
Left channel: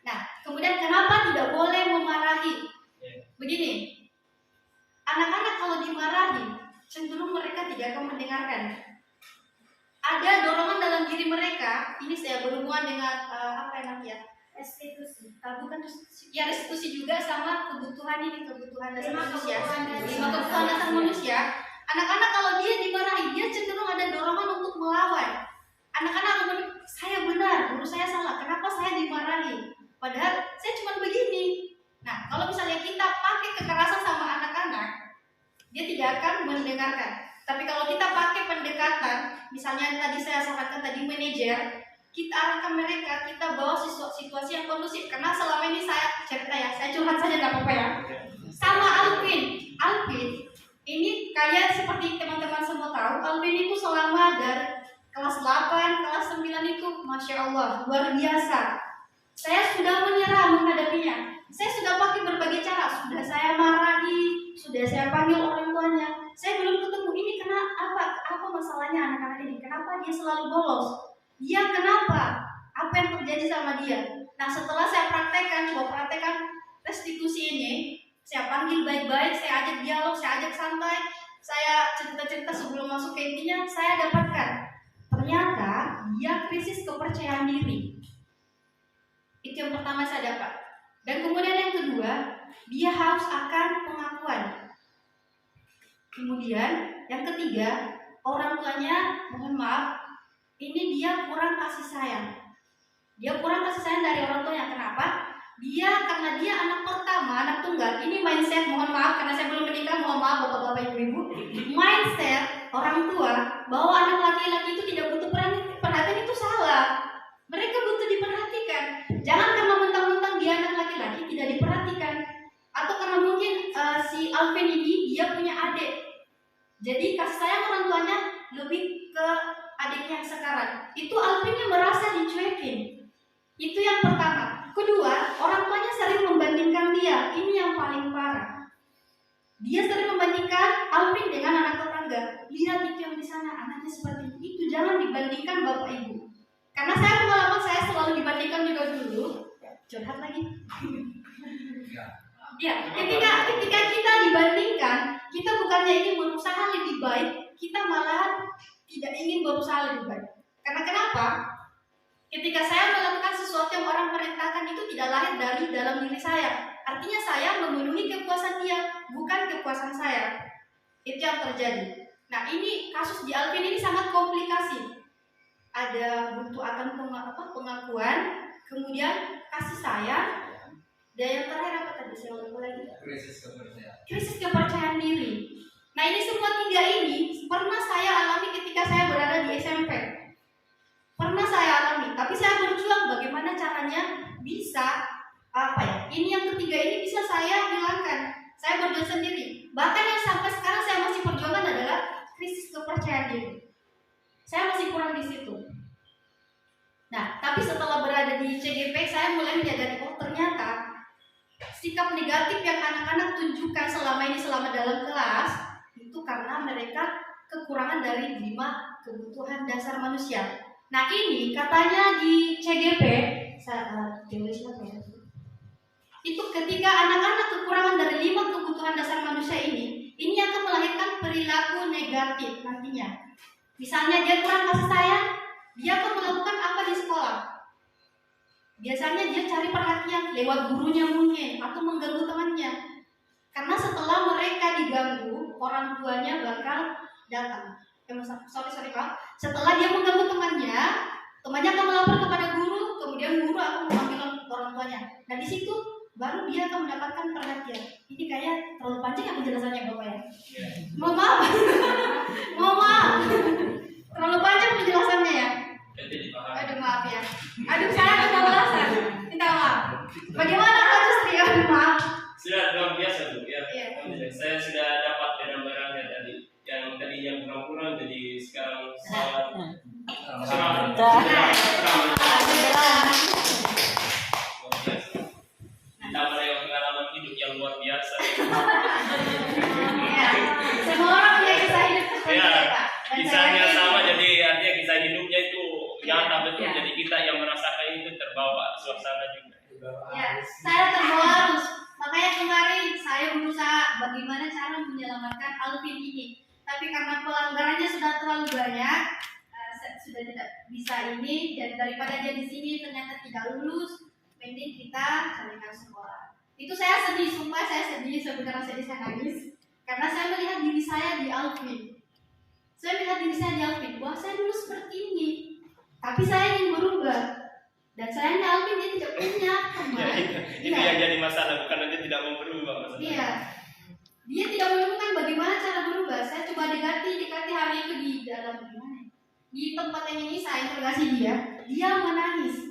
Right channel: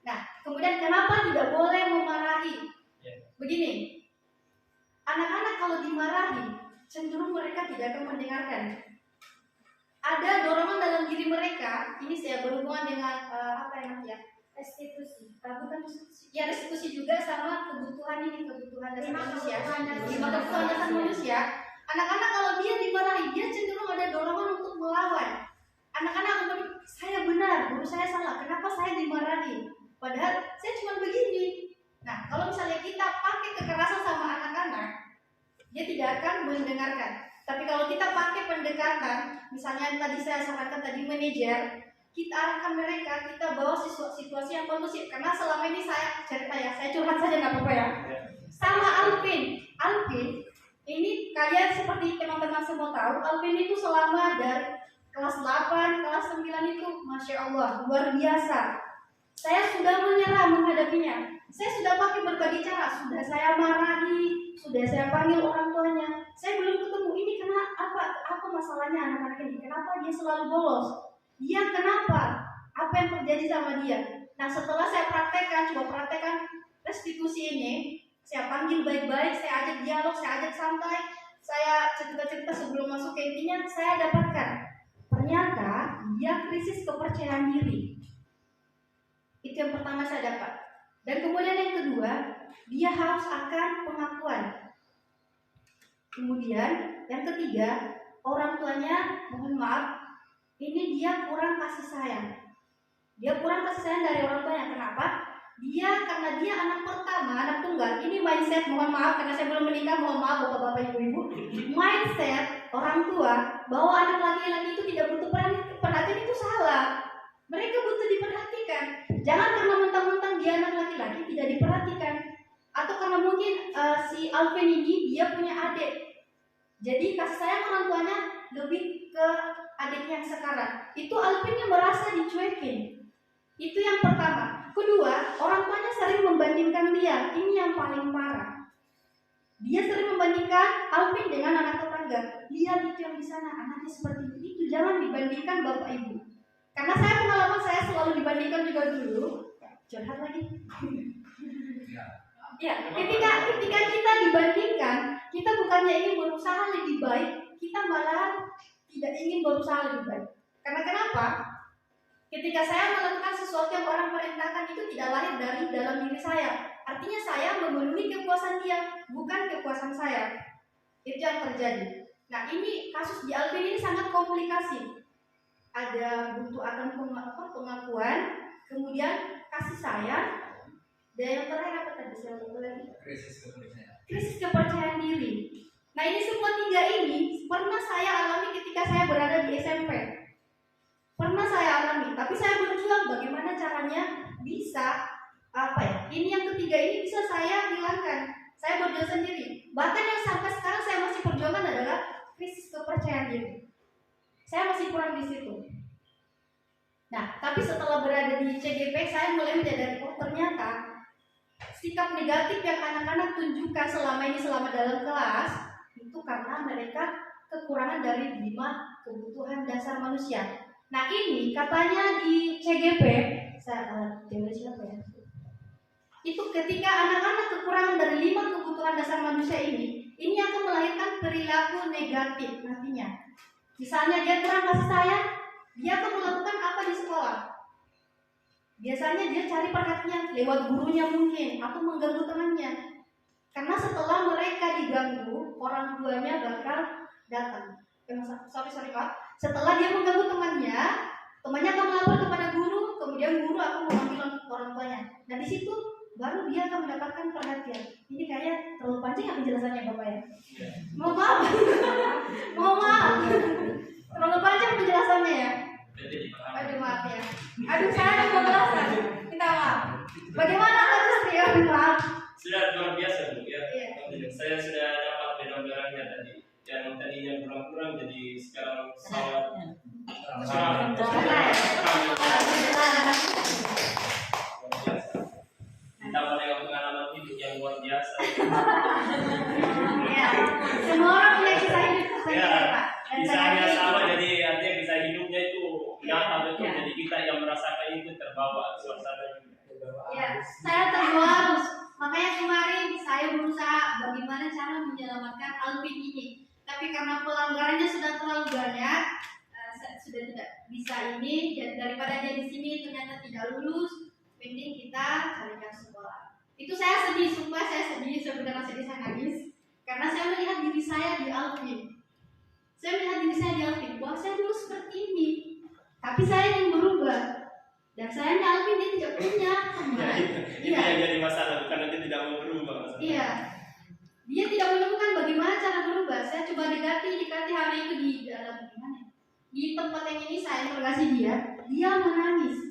Nah, kemudian kenapa tidak boleh memarahi? Begini, anak-anak kalau dimarahi, cenderung mereka tidak akan mendengarkan. Ada dorongan dalam diri mereka, ini saya berhubungan dengan restitusi. Bukan restitusi, ya restitusi juga sama kebutuhan dasar manusia. 5 kebutuhan dasar manusia. Anak-anak kalau dia dimarahi, dia cenderung ada dorongan untuk melawan. Anak-anak akan saya benar, guru saya salah, kenapa saya dimarahi? Padahal saya cuma begini. Nah, kalau misalnya kita pakai kekerasan sama anak-anak, dia tidak akan mendengarkan. Tapi kalau kita pakai pendekatan, misalnya tadi saya sarankan tadi manajer, kita arahkan mereka, kita bawa situasi yang kondusif. Karena selama ini saya cerita ya, saya curhat saja nggak apa-apa ya. Sama Alvin, ini kalian seperti teman-teman semua tahu, Alvin itu selama dari kelas 8, kelas 9 itu, Masya Allah, luar biasa. Saya sudah menyerah menghadapinya. Saya sudah pakai berbagai cara, sudah saya marahi, sudah saya panggil orang tuanya. Saya belum ketemu ini apa masalahnya anak-anak ini? Kenapa dia selalu bolos? Dia kenapa? Apa yang terjadi sama dia? Nah, setelah saya coba praktekkan restitusi ini, saya panggil baik-baik, saya ajak dialog, saya ajak santai, saya cerita-cerita sebelum masuk ke intinya, saya dapatkan ternyata dia krisis kepercayaan diri. Itu yang pertama saya dapat. Dan kemudian yang kedua, dia haus akan pengakuan. Kemudian yang ketiga, orang tuanya, mohon maaf, ini dia kurang kasih sayang. Dia kurang kasih sayang dari orang tuanya. Kenapa? dia karena dia anak pertama, anak tunggal. Ini mindset, mohon maaf karena saya belum menikah, mohon maaf bapak-bapak ibu-ibu. Mindset orang tua bahwa anak laki-laki itu tidak butuh perhatian itu salah. Mereka butuh diperhatikan. Jangan karena mentang-mentang dia anak laki-laki tidak diperhatikan. Atau karena mungkin si Alvin ini dia punya adik. Jadi kasih sayang orang tuanya lebih ke adiknya yang sekarang. Itu Alvin yang merasa dicuekin. Itu yang pertama. Kedua, orang tuanya sering membandingkan dia. Ini yang paling parah. Dia sering membandingkan Alvin dengan anak tetangga. Lihat itu yang di sana, anaknya seperti itu. Jangan dibandingkan bapak ibu. Karena saya pengalaman saya selalu dibandingkan juga dulu. Curhat lagi. Ya, ketika kita dibandingkan, kita bukannya ingin berusaha lebih baik, kita malahan tidak ingin berusaha lebih baik. Karena kenapa? Ketika saya melakukan sesuatu yang orang perintahkan itu tidak lahir dari dalam diri saya. Artinya saya memenuhi kepuasan dia, bukan kepuasan saya. Itu yang terjadi. Nah, ini kasus di Alvin ini sangat komplikasi. Ada butuh akan pengakuan, kemudian kasih sayang, dan yang terakhir apa tadi saya lupa lagi? Krisis kepercayaan diri. Nah, ini semua tiga ini pernah saya alami ketika saya berada di SMP. Pernah saya alami, tapi saya berjuang bagaimana caranya bisa ini yang ketiga ini bisa saya hilangkan. Saya berjuang sendiri. Bahkan yang sampai sekarang saya masih perjuangan adalah krisis kepercayaan diri. Saya masih kurang di situ. Nah, tapi setelah berada di CGP saya mulai menyadari ternyata sikap negatif yang anak-anak tunjukkan selama dalam kelas itu karena mereka kekurangan dari 5 kebutuhan dasar manusia. Nah, ini katanya di CGP itu ketika anak-anak kekurangan dari 5 kebutuhan dasar manusia ini akan melahirkan perilaku negatif nantinya. Misalnya dia kurang kasih sayang, dia akan melakukan apa di sekolah? Biasanya dia cari perhatian lewat gurunya mungkin atau mengganggu temannya. Karena setelah mereka diganggu, orang tuanya bakal datang. Sorry Pak. Setelah dia mengganggu temannya akan melapor kepada guru, kemudian guru akan memanggil orang tuanya. Nah, di situ baru dia akan mendapatkan perhatian. Ini kayak terlalu panjang ya penjelasannya Bapak ya? Mohon maaf. Mohon maaf. Terlalu panjang penjelasannya ya? Aduh maaf ya. Aduh saya ada kebablasan. Minta maaf. Bagaimana Kak Justri? Aduh maaf. Sudah luar biasa Bu ya. Iya. Saya sudah dapat barang-barangnya tadi. Yang tadinya kurang-kurang jadi sekarang sangat ditambah dengan pengalaman hidup yang luar biasa. Iya. Semua orang punya kisah hidup seperti Ya, Pak. kisahnya sama, jadi artinya kisah hidupnya itu nyata betul. Ya. Jadi kita yang merasakan itu terbawa suasana juga. Ya, saya terbawa arus. Makanya kemarin saya berusaha bagaimana cara menyelamatkan Alvin ini. Tapi karena pelanggarannya sudah terlalu banyak, sudah tidak bisa ini. Dan daripada dia di sini ternyata tidak lulus, mending kita carikan sekolah. Itu saya sedih, sumpah saya sedih, sebenarnya sedih saya nangis. Karena saya melihat diri saya di Alvin. Saya melihat diri saya di Alvin, wah saya dulu seperti ini. Tapi saya ingin berubah. Dan sayangnya Alvin dia tidak punya. Ya, itu yang jadi masalah, bukan dia tidak mau berubah masalah. Iya. Dia tidak menemukan bagaimana cara berubah. Saya coba dekati hari itu di dalam gimana? Di tempat yang ini saya interogasi dia menangis.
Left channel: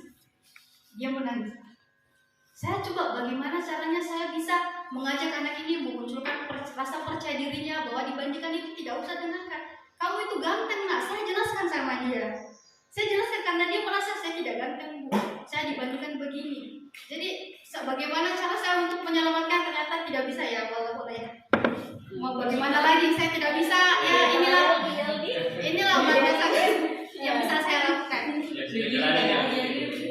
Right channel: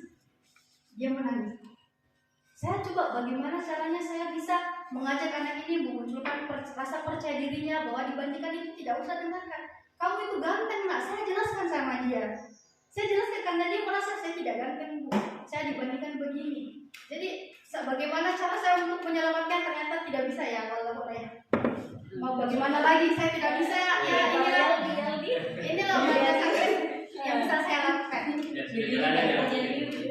Saya coba bagaimana caranya saya bisa mengajak anak ini memunculkan rasa percaya dirinya bahwa dibandingkan itu tidak usah dengarkan. Kamu itu ganteng nak, saya jelaskan sama dia. Saya jelaskan karena dia merasa saya tidak ganteng Bu. Saya dibandingkan begini. Jadi bagaimana cara saya untuk menyelamatkan ternyata tidak bisa ya walaupun ya. Mau bagaimana lagi saya tidak bisa ya inilah batasan yang bisa saya lakukan.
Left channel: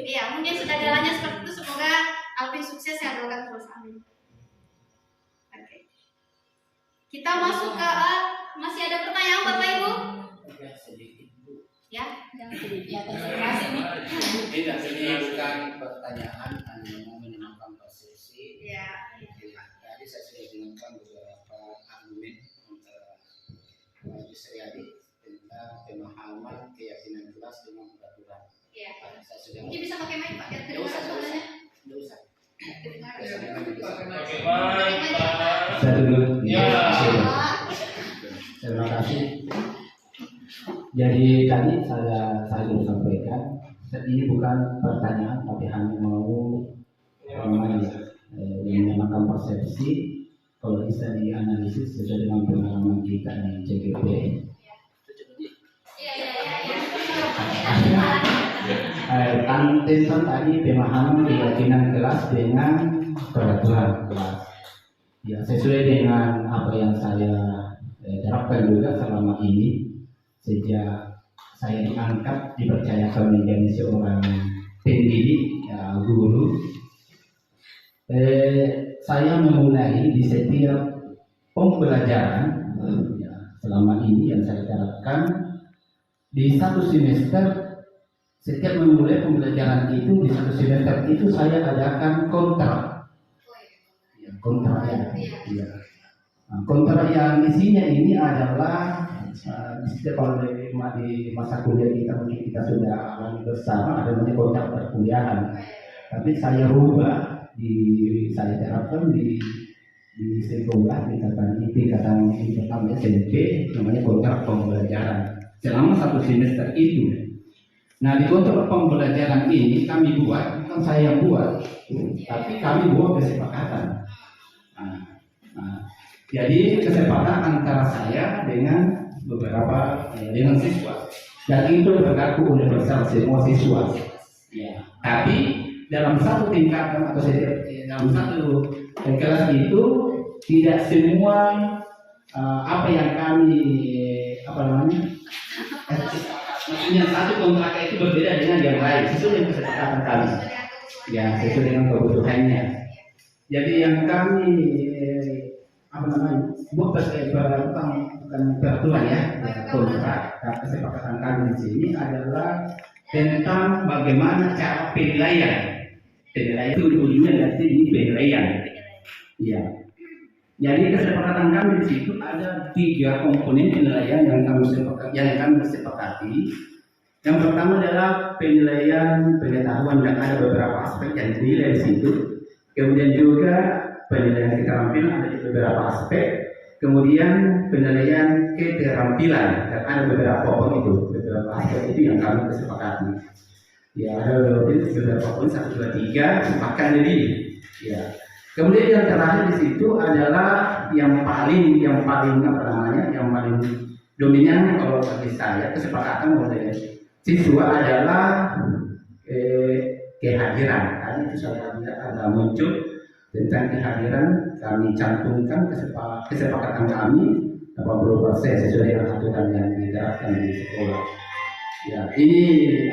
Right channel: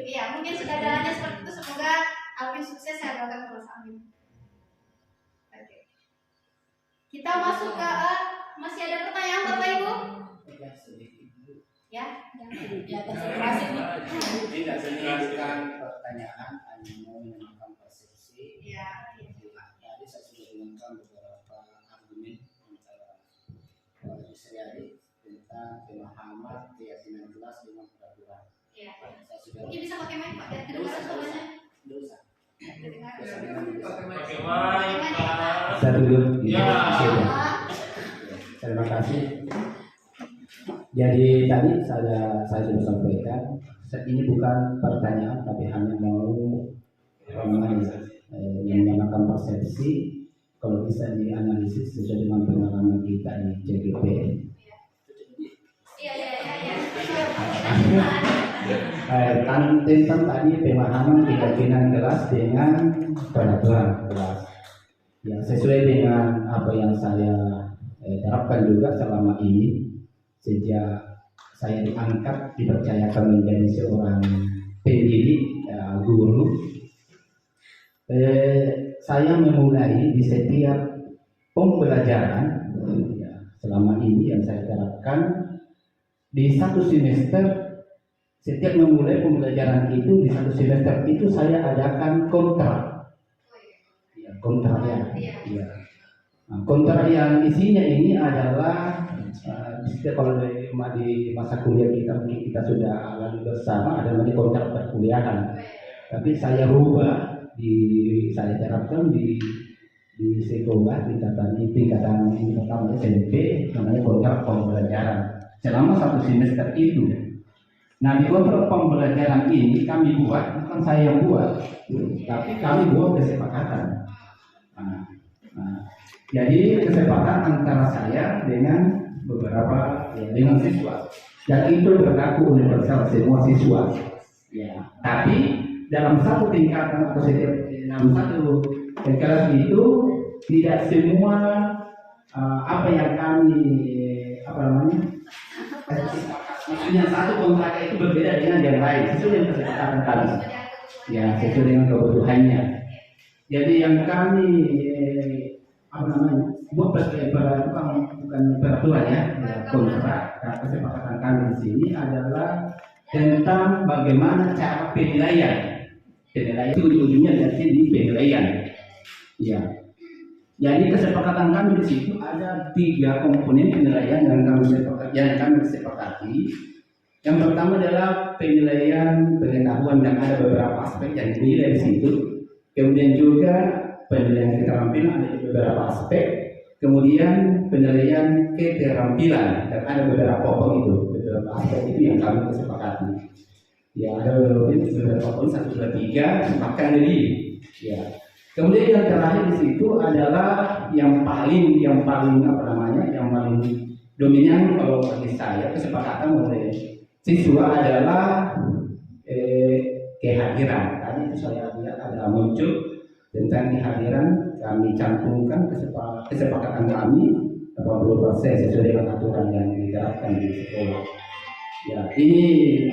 Iya mungkin sudah jalannya seperti itu, semoga Alvin sukses ya, doakan terus amin. Oke. Kita masuk ke masih ada pertanyaan Bapak Ibu? Ya, jangan sedikit. Ini bukan pertanyaan, hanya mau menyenangkan persepsi. Ya. Tadi saya sudah dengarkan beberapa argumen antara Justri Adi tentang pemahaman keyakinan kelas dengan peraturan. Iya. Saya sudah. Mungkin bisa pakai mic Pak, biar Tidak usah. suaranya. Tidak usah. Oke, baik, Pak. Saya dulu. Ya. Terima kasih. Jadi tadi saya sudah sampaikan, ini bukan pertanyaan tapi hanya mau menyamakan persepsi. Kalau bisa dianalisis sesuai dengan pengalaman kita di CGP. Tentang tadi pemahaman keyakinan kelas dengan peraturan kelas. Ya, sesuai dengan apa yang saya terapkan juga selama ini sejak saya diangkat dipercayakan menjadi seorang pendidik, ya, guru. Saya memulai di setiap pembelajaran, ya, selama ini yang saya terapkan di satu semester. Setiap memulai pembelajaran itu di satu semester itu saya adakan kontrak. Ya, kontrak ya. Nah, kontrak yang isinya ini adalah kalau di masa kuliah kita mungkin kita sudah alami bersama ada namanya kontrak perkuliahan. Tapi saya rubah saya terapkan di sekolah tingkatan pertama SMP namanya kontrak pembelajaran selama satu semester itu. Nah, di kontrak pembelajaran ini kami buat, bukan saya yang buat, tapi kami buat kesepakatan. Jadi kesepakatan antara saya dengan beberapa dengan siswa, dan itu berlaku universal semua siswa. Ya, tapi dalam satu tingkatan atau dalam satu kelas itu tidak semua apa yang kami maksudnya satu kontrak itu berbeda dengan yang lain sesuai dengan kesepakatan kami. Ya, sesuai dengan kebutuhannya. Jadi yang kami buat bukan peraturan ya, kontrak. Nah, kesepakatan kami di sini adalah tentang bagaimana cara penilaian. Penilaian itu ujungnya nanti di penilaian. Ya. Jadi kesepakatan kami di situ ada 3 komponen penilaian yang kami sepakati. Yang pertama adalah penilaian pengetahuan dan ada beberapa aspek yang dinilai di situ. Kemudian juga penilaian keterampilan ada beberapa aspek. Kemudian penilaian keterampilan dan ada beberapa aspek itu yang kami kesepakati. Ya, ada beberapa poin 1, 2, 3 bahkan lebih. Ya. Kemudian yang terakhir di situ adalah yang paling dominan kalau bagi saya kesepakatan oleh siswa adalah kehadiran. Tadi itu saya lihat ada muncul tentang kehadiran, kami cantumkan kesepakatan kami 80% sesuai dengan aturan yang diterapkan di sekolah. Ya, ini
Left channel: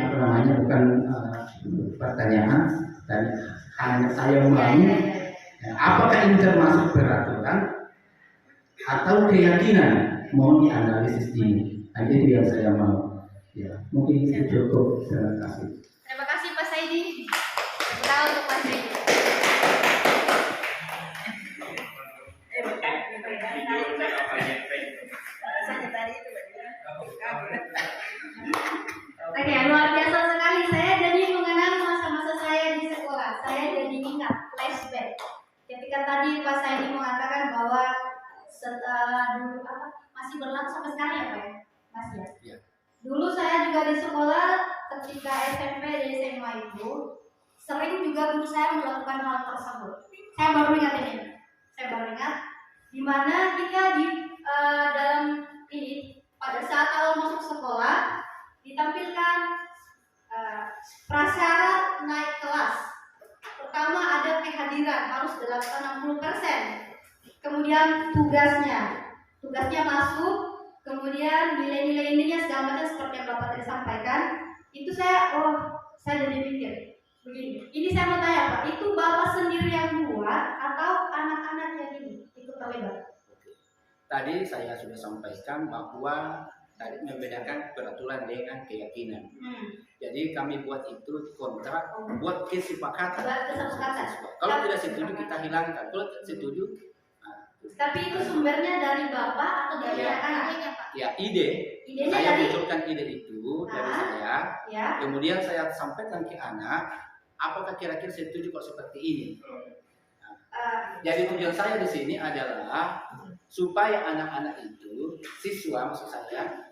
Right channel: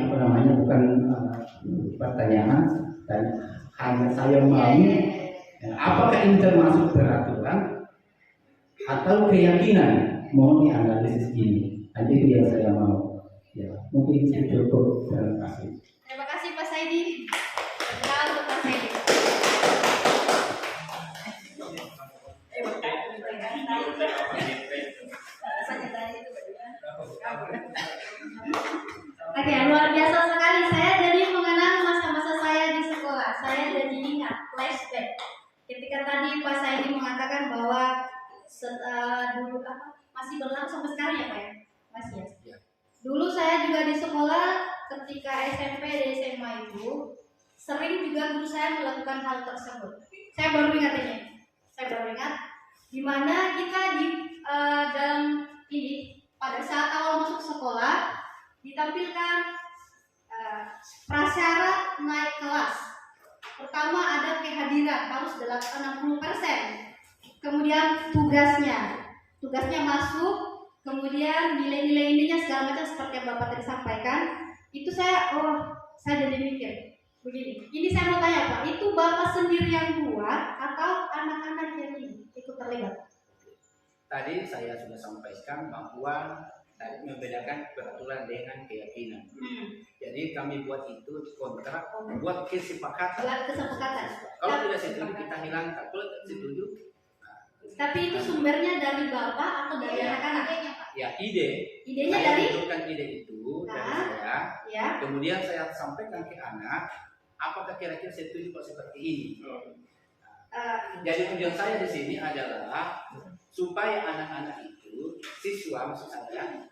bukan pertanyaan dan hanya saya mau. Apakah ini termasuk peraturan atau keyakinan? Mohon dianalisis ini. Hanya itu yang saya mau. Ya, mungkin itu cukup. Terima kasih. Terima kasih Pak Saidi. Benar untuk Pak Saidi. Oke, luar biasa sekali. Saya jadi mengenang masa-masa saya di sekolah. Saya jadi ingat flashback. Ketika tadi Pak Saidi mengatakan bahwa dulu masih berlangsung sampai sekarang ya Pak ya? Masih ya? Dulu saya juga di sekolah ketika SMP dan SMA itu sering juga guru saya melakukan hal tersebut. Saya baru ingat di mana kita dalam ini pada saat awal masuk sekolah ditampilkan prasyarat naik kelas. Pertama ada kehadiran harus 60%. Kemudian tugasnya masuk, kemudian nilai-nilai ininya segala macam seperti yang Bapak tadi sampaikan. Itu saya jadi mikir begini. Ini saya mau tanya Pak, itu Bapak sendiri yang buat atau anak-anak yang ini ikut terlibat? Tadi saya sudah sampaikan bahwa tadi membedakan peraturan dengan keyakinan. Jadi kami buat itu kontrak, buat kesepakatan. Kalau tidak setuju kita hilangkan. Kalau setuju. Tapi itu sumbernya dari Bapak atau dari anak-anaknya Pak? Ya, idenya saya dari munculkan ide itu dari saya. Ya. Kemudian saya sampaikan ke anak, apakah kira-kira setuju kalau seperti ini? Nah, Jadi tujuan saya di sini adalah supaya anak-anak itu, siswa maksud saya,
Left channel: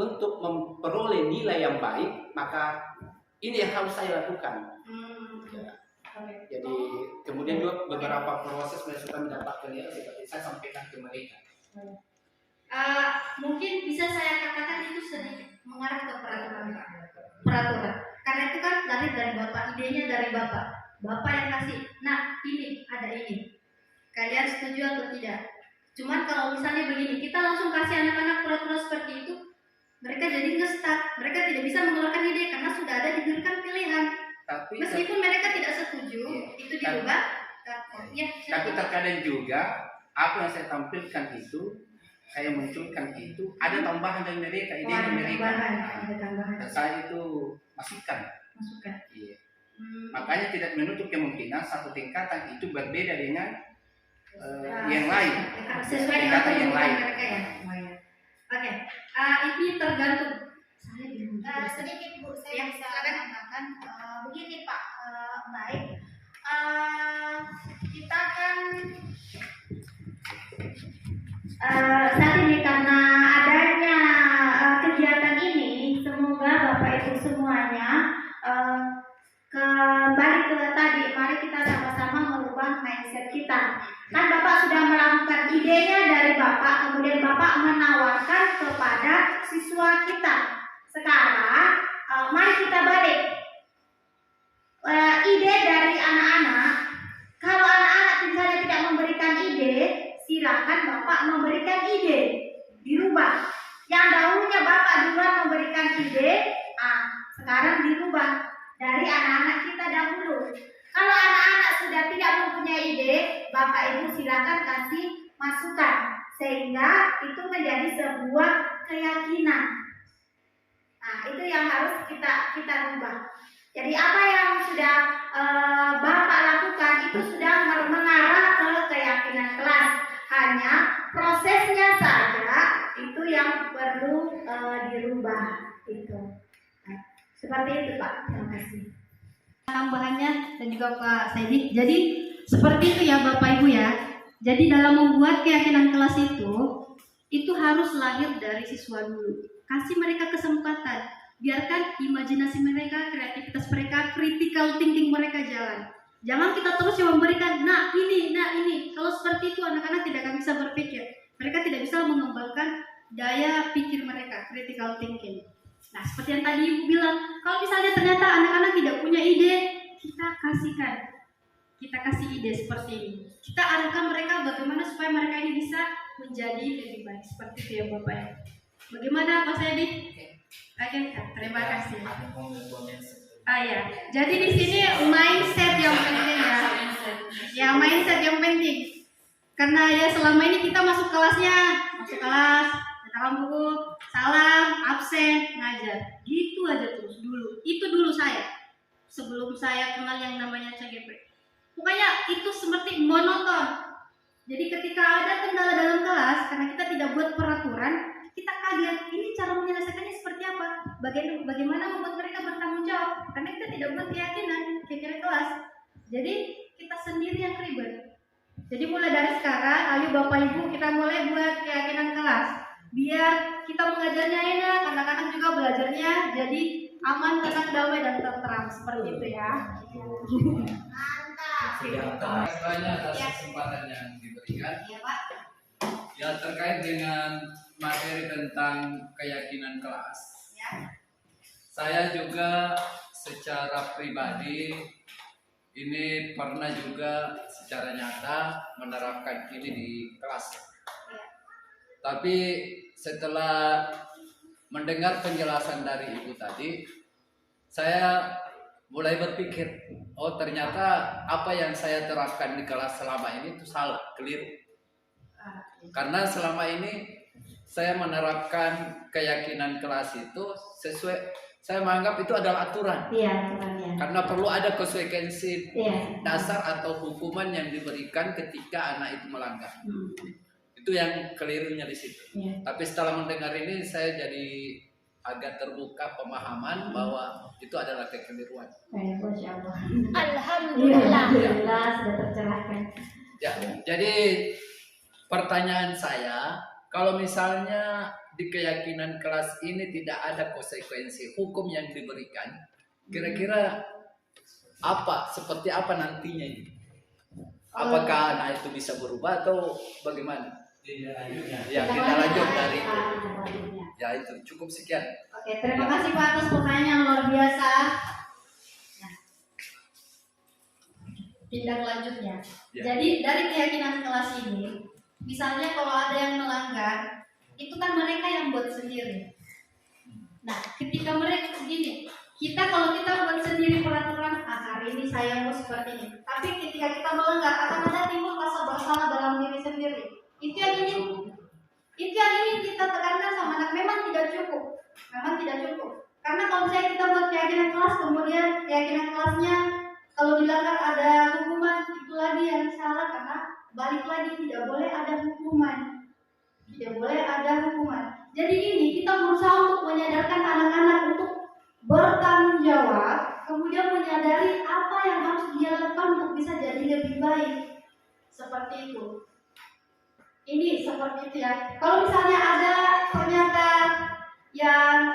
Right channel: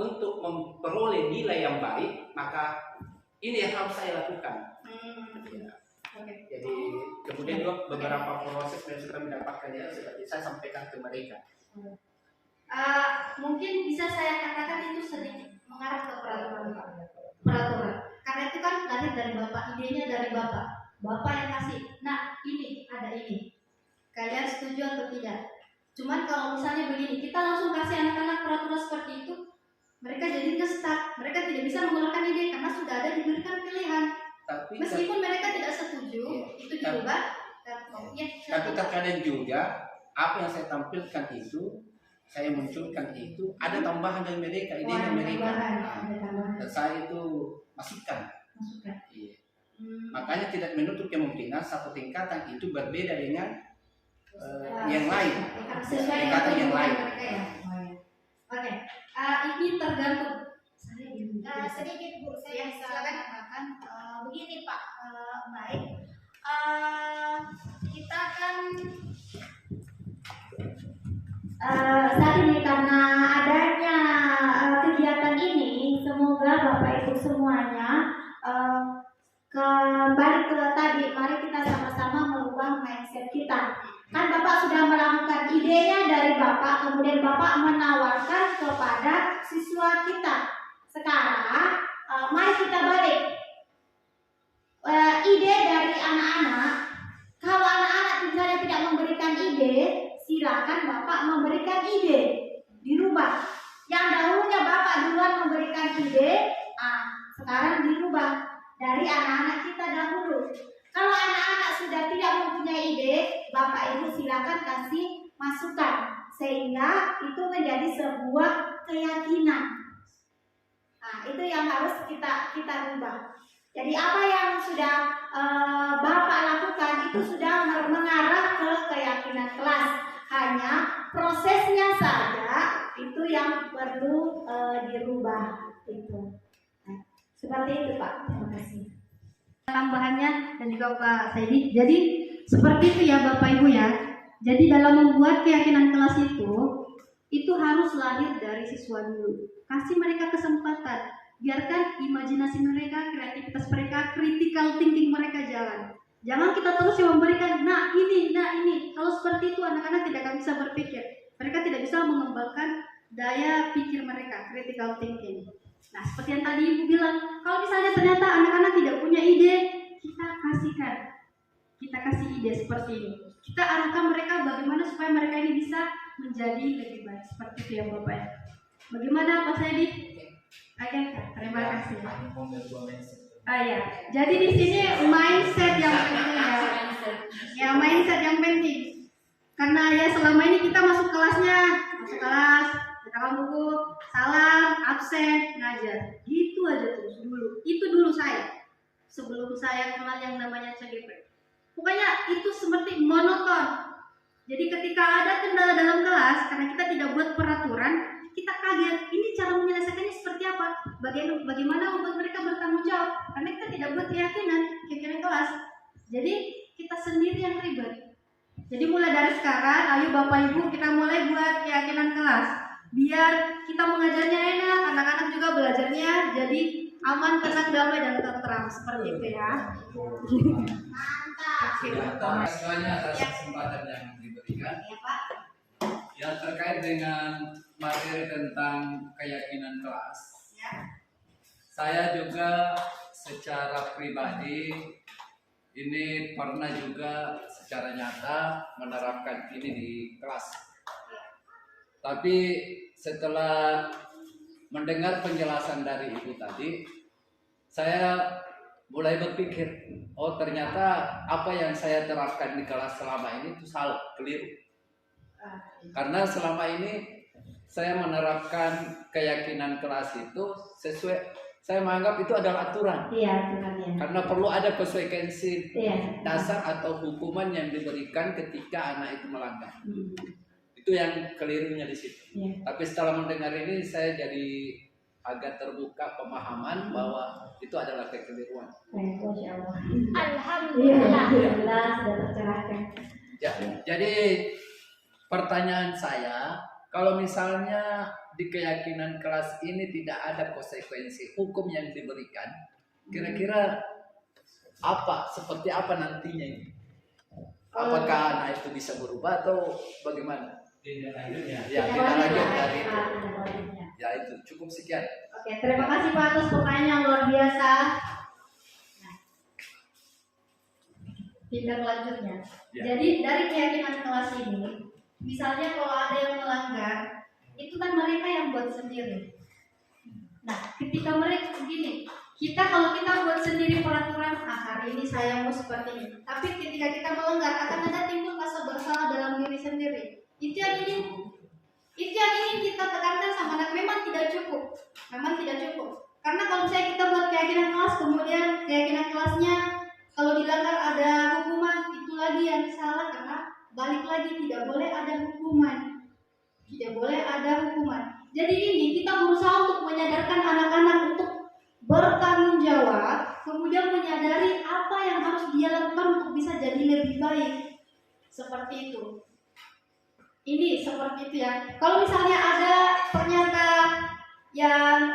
untuk memperoleh nilai yang baik, maka ini yang harus saya lakukan. Oke. Jadi kemudian juga beberapa proses supaya mendapatkan nilai seperti saya sampaikan ke mereka. Mungkin bisa saya katakan itu sedikit mengarah ke peraturan Pak. Peraturan. Karena itu kan lahir dari Bapak, idenya dari Bapak. Bapak yang kasih. Nah, ini ada ini. Kalian setuju atau tidak? Cuman kalau misalnya begini, kita langsung kasih anak-anak peraturan seperti itu, mereka jadi nge-stuck. Mereka tidak bisa mengeluarkan ide karena sudah ada diberikan pilihan. Tapi Meskipun mereka tidak setuju, itu dirubah. tapi terkadang juga apa yang saya tampilkan itu, saya munculkan itu ada tambahan dari mereka, idenya mereka. Ada tambahan. Dan saya itu masukkan. Masukkan. Iya. Makanya tidak menutup kemungkinan satu tingkatan itu berbeda dengan yang lain. Sesuai dengan Tingkatan yang lain. mereka ya. Oke. Ini tergantung. Saya bingung. Sedikit Bu, saya Ya, bisa silakan. tambahkan begini Pak, baik. Kita kan saat ini karena adanya kegiatan ini, semoga Bapak Ibu semuanya kembali ke tadi, mari kita sama-sama merubah mindset kita. Kan Bapak sudah melakukan idenya dari Bapak, kemudian Bapak menawarkan kepada siswa kita. Sekarang mari kita balik. Ide dari anak-anak, kalau anak-anak misalnya tidak memberikan ide, silakan Bapak memberikan ide, dirubah. Yang dahulunya Bapak duluan memberikan ide, sekarang dirubah dari anak-anak kita dahulu. Kalau anak-anak sudah tidak mempunyai ide, Bapak Ibu silakan kasih masukan sehingga itu menjadi sebuah keyakinan. Nah, itu yang harus kita rubah. Jadi apa yang sudah Bapak lakukan itu sudah mengarah ke keyakinan kelas. Hanya prosesnya saja itu yang perlu dirubah itu. Nah, seperti itu Pak. Terima kasih. Tambahannya dan juga Pak Saidi. Jadi seperti itu ya Bapak Ibu ya. Jadi dalam membuat keyakinan kelas itu harus lahir dari siswa dulu. Kasih mereka kesempatan. Biarkan imajinasi mereka, kreativitas mereka, critical thinking mereka jalan. Jangan kita terus yang memberikan, nah ini. Kalau seperti itu anak-anak tidak akan bisa berpikir. Mereka tidak bisa mengembangkan daya pikir mereka, critical thinking. Nah, seperti yang tadi Ibu bilang, kalau misalnya ternyata anak-anak tidak punya ide, kita kasihkan. Kita kasih ide seperti ini. Kita arahkan mereka bagaimana supaya mereka ini bisa menjadi lebih baik. Seperti itu ya Bapak ya. Bagaimana Pak Saidi? Oke, terima kasih. Ya. Jadi di sini mindset yang penting ya. Ya, mindset yang penting. Karena ya selama ini kita masuk kelas, letakkan buku, salam, absen, ngajar. Gitu aja terus dulu. Itu dulu saya. Sebelum saya kenal yang namanya CGP. Pokoknya itu seperti monoton. Jadi ketika ada kendala dalam kelas, karena kita tidak buat peraturan, kita kaget, ini cara menyelesaikannya seperti apa? Bagaimana membuat mereka bertanggung jawab? Karena kita tidak buat keyakinan kelas. Jadi kita sendiri yang ribet. Jadi mulai dari sekarang, ayo Bapak Ibu kita mulai buat keyakinan kelas. Biar kita mengajarnya enak, anak-anak juga belajarnya jadi aman, tenang, damai dan tentram seperti itu ya. Mantap. Banyak atas kesempatan yang diberikan. Ya Pak. Ya terkait dengan materi tentang keyakinan kelas. Ya. Saya juga secara pribadi ini pernah juga secara nyata menerapkan ini di kelas. Tapi setelah mendengar penjelasan dari Ibu tadi, saya mulai berpikir, oh ternyata apa yang saya terapkan di kelas selama ini itu salah, keliru. Karena selama ini saya menerapkan keyakinan kelas itu sesuai, saya menganggap itu adalah aturan. Iya, aturan ya. Karena perlu ada konsekuensi Iya. dasar atau hukuman yang diberikan ketika anak itu melanggar. Itu yang kelirunya di situ. Iya. Tapi setelah mendengar ini saya jadi agak terbuka pemahaman bahwa itu adalah kekeliruan. Masya Allah. Iya. Alhamdulillah sudah tercapai. silahkan. Ya, jadi pertanyaan saya, kalau misalnya di keyakinan kelas ini tidak ada konsekuensi hukum yang diberikan, kira-kira seperti apa nantinya ini? Apakah anak itu bisa berubah atau bagaimana? Ya, tidak lanjut dari itu. Ya, itu cukup sekian. Oke, terima kasih Pak atas pertanyaan luar biasa. Nah, tindak lanjutnya. Ya. Jadi dari keyakinan kelas ini, misalnya kalau ada yang melanggar, itu kan mereka yang buat sendiri. Nah, ketika mereka begini, kalau kita buat sendiri peraturan, hari ini saya mau seperti ini. Tapi ketika kita melanggar, akan ada timbul rasa bersalah dalam diri sendiri. Itu yang ingin kita tekankan sama anak. Memang tidak cukup. Karena kalau misalnya kita buat keyakinan kelas, kemudian keyakinan kelasnya kalau dilanggar ada hukuman, itu lagi yang salah, karena balik lagi tidak boleh ada hukuman. Jadi ini kita berusaha untuk menyadarkan anak-anak untuk bertanggung jawab, kemudian menyadari apa yang harus dia lakukan untuk bisa jadi lebih baik. Seperti itu. Ini seperti itu ya. Kalau misalnya ada ternyata yang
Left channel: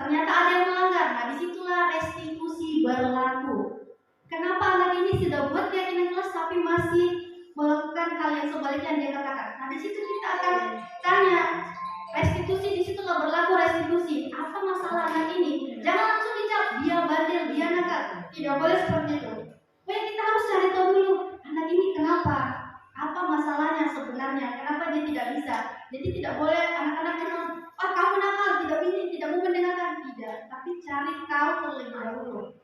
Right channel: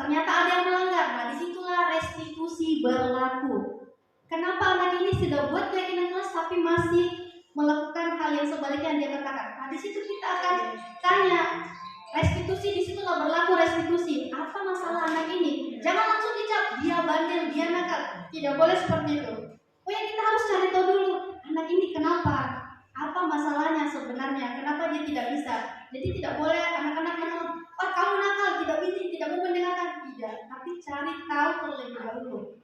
ternyata ada yang melanggar, nah disitulah restitusi berlaku. Kenapa anak ini sudah buat keyakinan kelas tapi masih melakukan hal yang sebaliknya yang dia katakan? Nah di situ kita akan tanya restitusi, disitulah berlaku restitusi. Apa masalah anak ini? Jangan langsung dicap dia bandel, dia nakal. Tidak boleh seperti itu. Oh ya, kita harus cari tahu dulu anak ini kenapa, apa masalahnya sebenarnya, kenapa dia tidak bisa. Jadi tidak boleh anak-anak bilang, "Pak, kamu nakal, tidak mau mendengarkan." Tidak, tapi cari tahu terlebih dahulu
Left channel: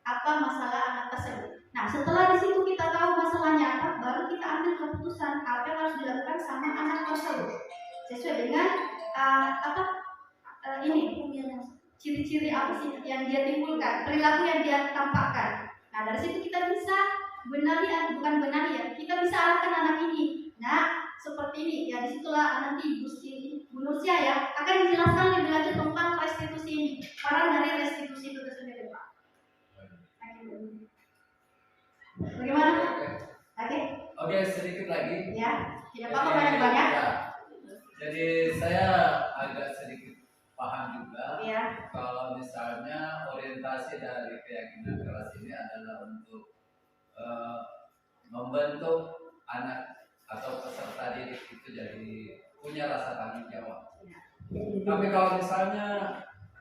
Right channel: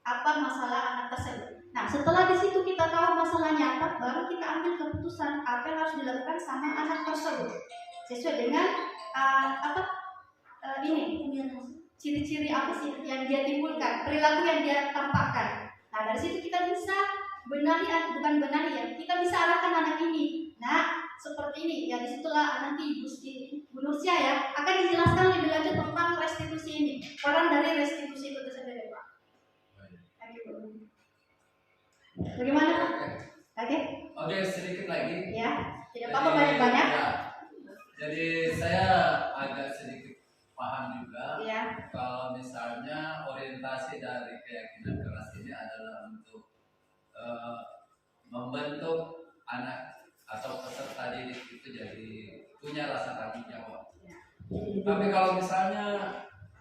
apa masalah anak tersebut. Nah, setelah di situ kita tahu masalahnya apa, baru kita ambil keputusan apa yang harus dilakukan sama anak tersebut sesuai dengan ciri-ciri apa sih yang dia timbulkan, perilaku yang dia tampakkan. Nah, dari situ kita bisa kita bisa arahkan anak ini. Nah, seperti ini ya, disitulah nanti Bu Nursia ya akan dijelaskan lebih lanjut tentang restitusi ini, peran dari restitusi itu sendiri, Pak. Bagaimana? Oke, sedikit lagi. Ya, tidak apa-apa banyak. Ya, jadi saya agak sedikit paham juga. Ya. Kalau misalnya orientasi dari keyakinan keras ini adalah untuk membentuk anak atau peserta didik itu jadi punya rasa tanggung jawab. Tapi kalau misalnya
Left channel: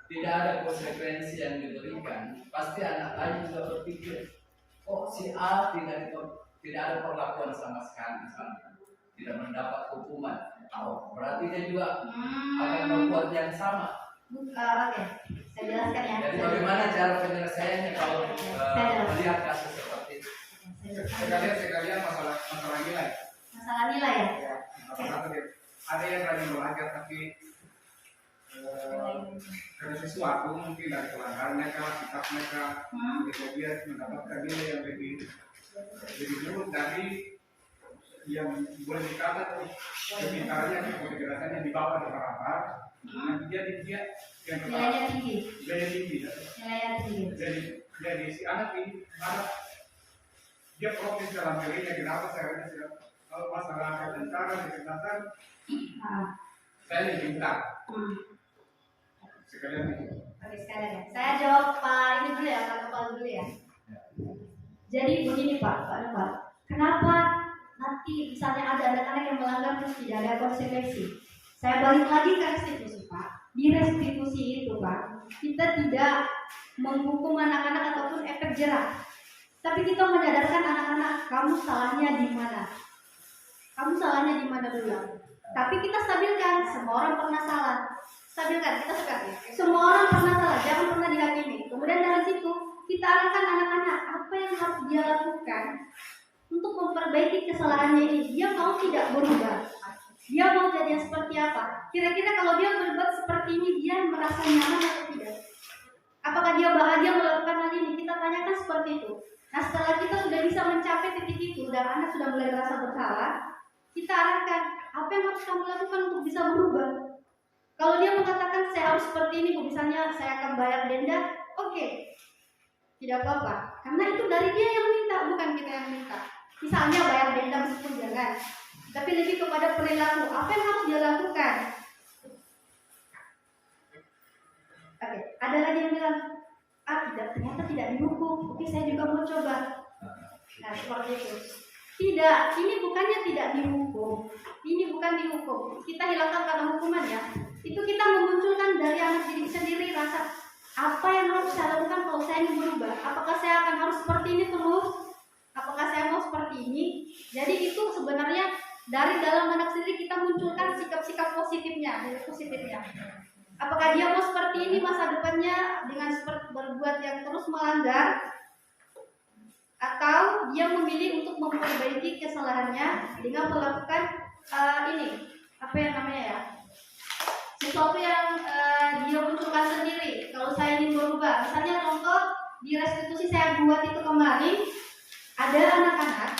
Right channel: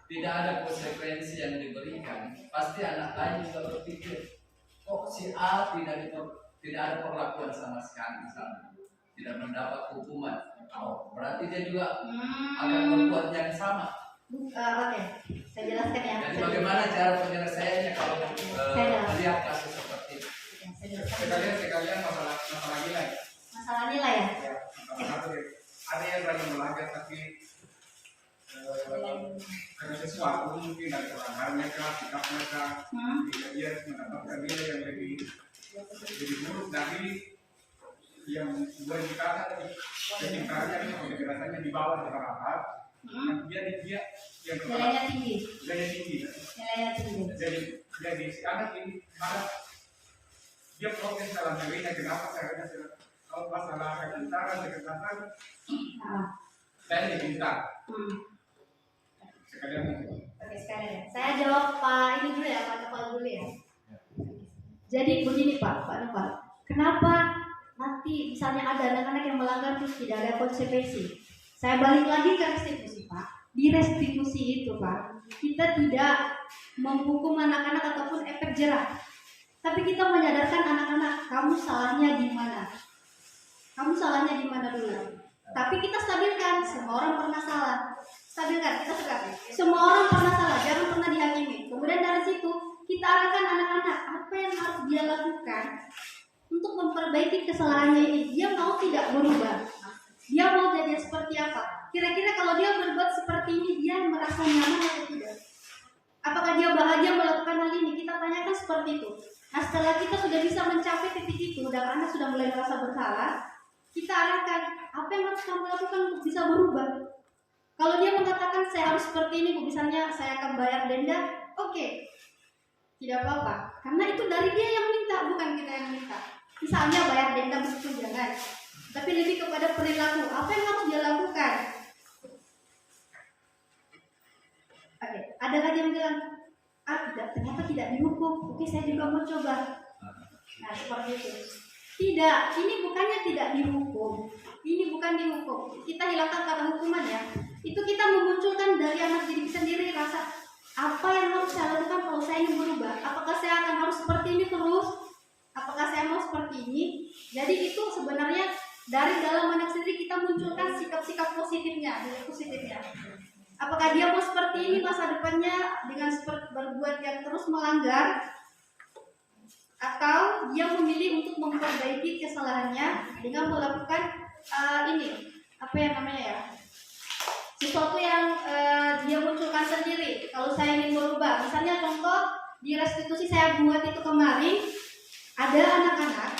tidak ada konsekuensi yang diberikan, pasti anak lain juga berpikir, oh si A tidak ada perlakuan sama sekali, misalnya tidak mendapat hukuman. Oh, berarti dia juga akan berbuat yang sama. Oke, saya jelaskan ya. Jadi bagaimana cara penyelesaiannya kalau melihat kasus seperti itu? Sekalian masalah nilai. Masalah nilai ya. Ada yang rajin belajar tapi karena sesuatu mungkin dari pelanggarannya sikap mereka, ketika dia mendapatkan nilai yang lebih buruk dari yang boleh dikatakan sekitarnya, kejelasannya di bawah rata-rata. Dia yang Nilainya tinggi. Jadi si anak ini dia protes dalam dirinya, kenapa saya kalau masalah kesehatan saya diminta sekalian itu. Oke, sekalian ya. Saya jawab Pak ini dulu ya, Pak Nopal dulu ya. Jadi begini Pak Nopal, kenapa nanti misalnya ada anak-anak yang melanggar terus tidak ada konsekuensi? Saya balik lagi ke restitusi Pak. Di restitusi itu Pak, kita tidak menghukum anak-anak ataupun efek jerah, tapi kita menyadarkan anak-anak, kamu salahnya di mana? Dulu. Tapi kita stabilkan, semua orang pernah salah. Stabilkan, kita suka. Semua orang pernah salah, jangan pernah dihakimi. Kemudian dari situ kita arahkan anak-anak apa yang harus dia lakukan untuk memperbaiki kesalahannya ini. Dia mau tidak berubah, dia mau jadi seperti apa? Kira-kira kalau dia berbuat seperti ini, dia merasa nyaman atau tidak? Apakah dia bahagia melakukan hal ini? Kita tanyakan seperti itu. Nah, setelah kita sudah bisa mencapai titik itu dan Anda sudah mulai merasa bersalah, kita arahkan apa yang harus kamu lakukan untuk bisa berubah. Kalau dia mengatakan saya harus seperti ini, misalnya saya akan bayar denda, oke, tidak apa-apa, karena itu dari dia yang minta, bukan kita yang misalnya bayar denda meskipun jangan, tapi lebih kepada perilaku. Apa yang harus dia lakukan? Oke, ada lagi yang bilang, ternyata tidak dihukum. Oke, saya juga mau coba. Nah, seperti itu. Tidak, ini bukannya tidak dihukum. Ini bukan dihukum. Kita hilangkan kata hukuman ya. Itu kita memunculkan dari anak diri sendiri rasa apa yang harus saya lakukan kalau saya ingin berubah. Apakah saya akan harus seperti ini terus? Apakah saya mau seperti ini? Jadi itu sebenarnya dari dalam anak sendiri kita munculkan sikap-sikap positifnya. Apakah dia mau seperti ini masa depannya dengan berbuat yang terus melanggar, atau dia memilih untuk memperbaiki kesalahannya dengan melakukan sesuatu yang dia munculkan sendiri. Kalau saya ingin merubah, misalnya contoh di restitusi saya buat itu kemarin, ada anak-anak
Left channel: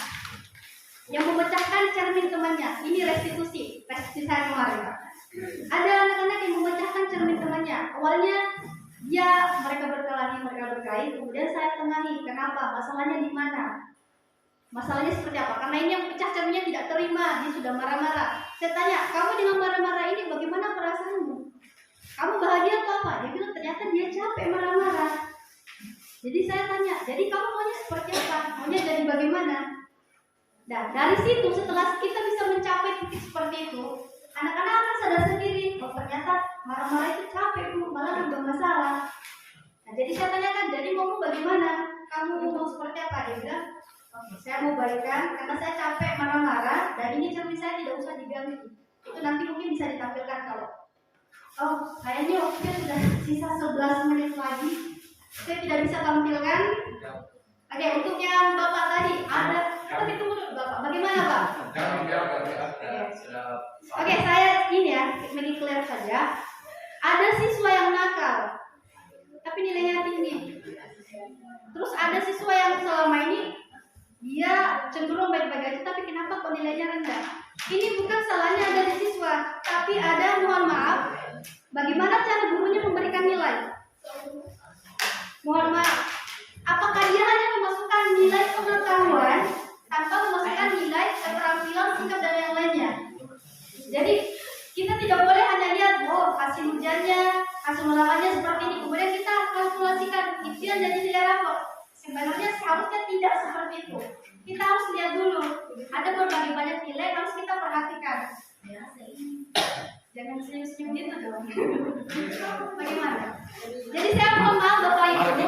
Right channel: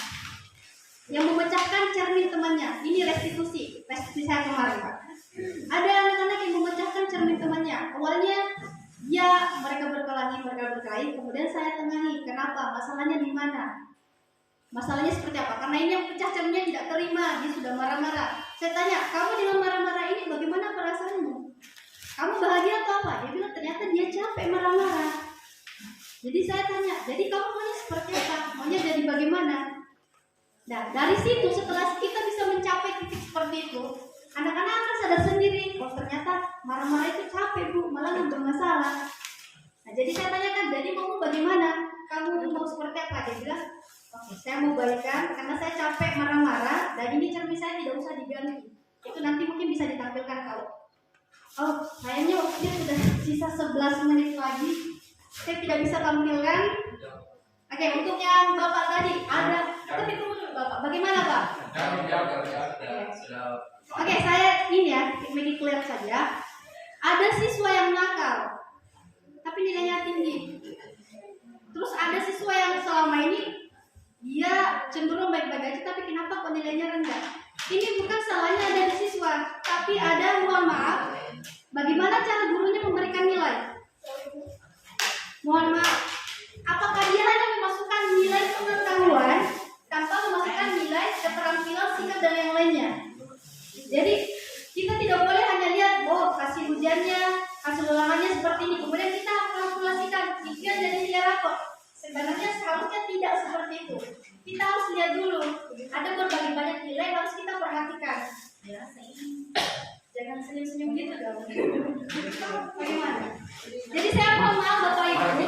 yang memecahkan cermin temannya. Ini restitusi saya kemarin, Pak. Ada anak-anak yang memecahkan cermin temannya. Awalnya mereka berkelahi, kemudian saya tengahi. Kenapa? Masalahnya di mana? Masalahnya seperti apa? Karena ini yang pecah cerminnya tidak terima, dia sudah marah-marah. Saya tanya, kamu dengan marah-marah ini bagaimana perasaanmu? Kamu bahagia atau apa? Dia bilang ternyata dia capek marah-marah. Jadi saya tanya, jadi kamu maunya seperti apa? Maunya jadi bagaimana? Nah, dari situ setelah kita bisa mencapai titik seperti itu, anak-anak akan sadar sendiri, oh ternyata marah-marah itu capek bu, malah nambah masalah. Nah, jadi saya tanyakan, jadi mau bagaimana? Kamu mau seperti apa? Dia bilang, oke, saya mau baikan karena saya capek marah-marah dan ini cermin saya tidak usah diganti. Itu nanti mungkin bisa ditampilkan kalau, oh kayaknya waktunya sudah sisa 11 menit lagi, saya tidak bisa tampilkan. Oke, untuk yang Bapak tadi ada, tapi tunggu dulu Bapak, bagaimana Pak? Oke, saya ini ya, make it clear saja. Ada siswa yang nakal, tapi nilainya tinggi. Terus ada siswa yang selama ini dia cenderung baik-baik aja, tapi kenapa kok nilainya rendah? Ini bukan salahnya dari siswa, tapi ada, mohon maaf, bagaimana cara gurunya memberikan nilai? Mohon maaf, apakah dia hanya memasukkan nilai pengetahuan tanpa memasukkan nilai keterampilan, sikap dan yang lainnya? Jadi kita tidak boleh hanya lihat, oh hasil ujiannya, hasil ulangannya seperti ini, kemudian kita kalkulasikan impian jadi nilai rapor. Sebenarnya seharusnya tidak seperti itu. Kita harus lihat dulu, ada berbagai banyak nilai yang harus kita perhatikan. Jangan senyum-senyum gitu dong. Bagaimana? Jadi saya mohon maaf Bapak Ibu.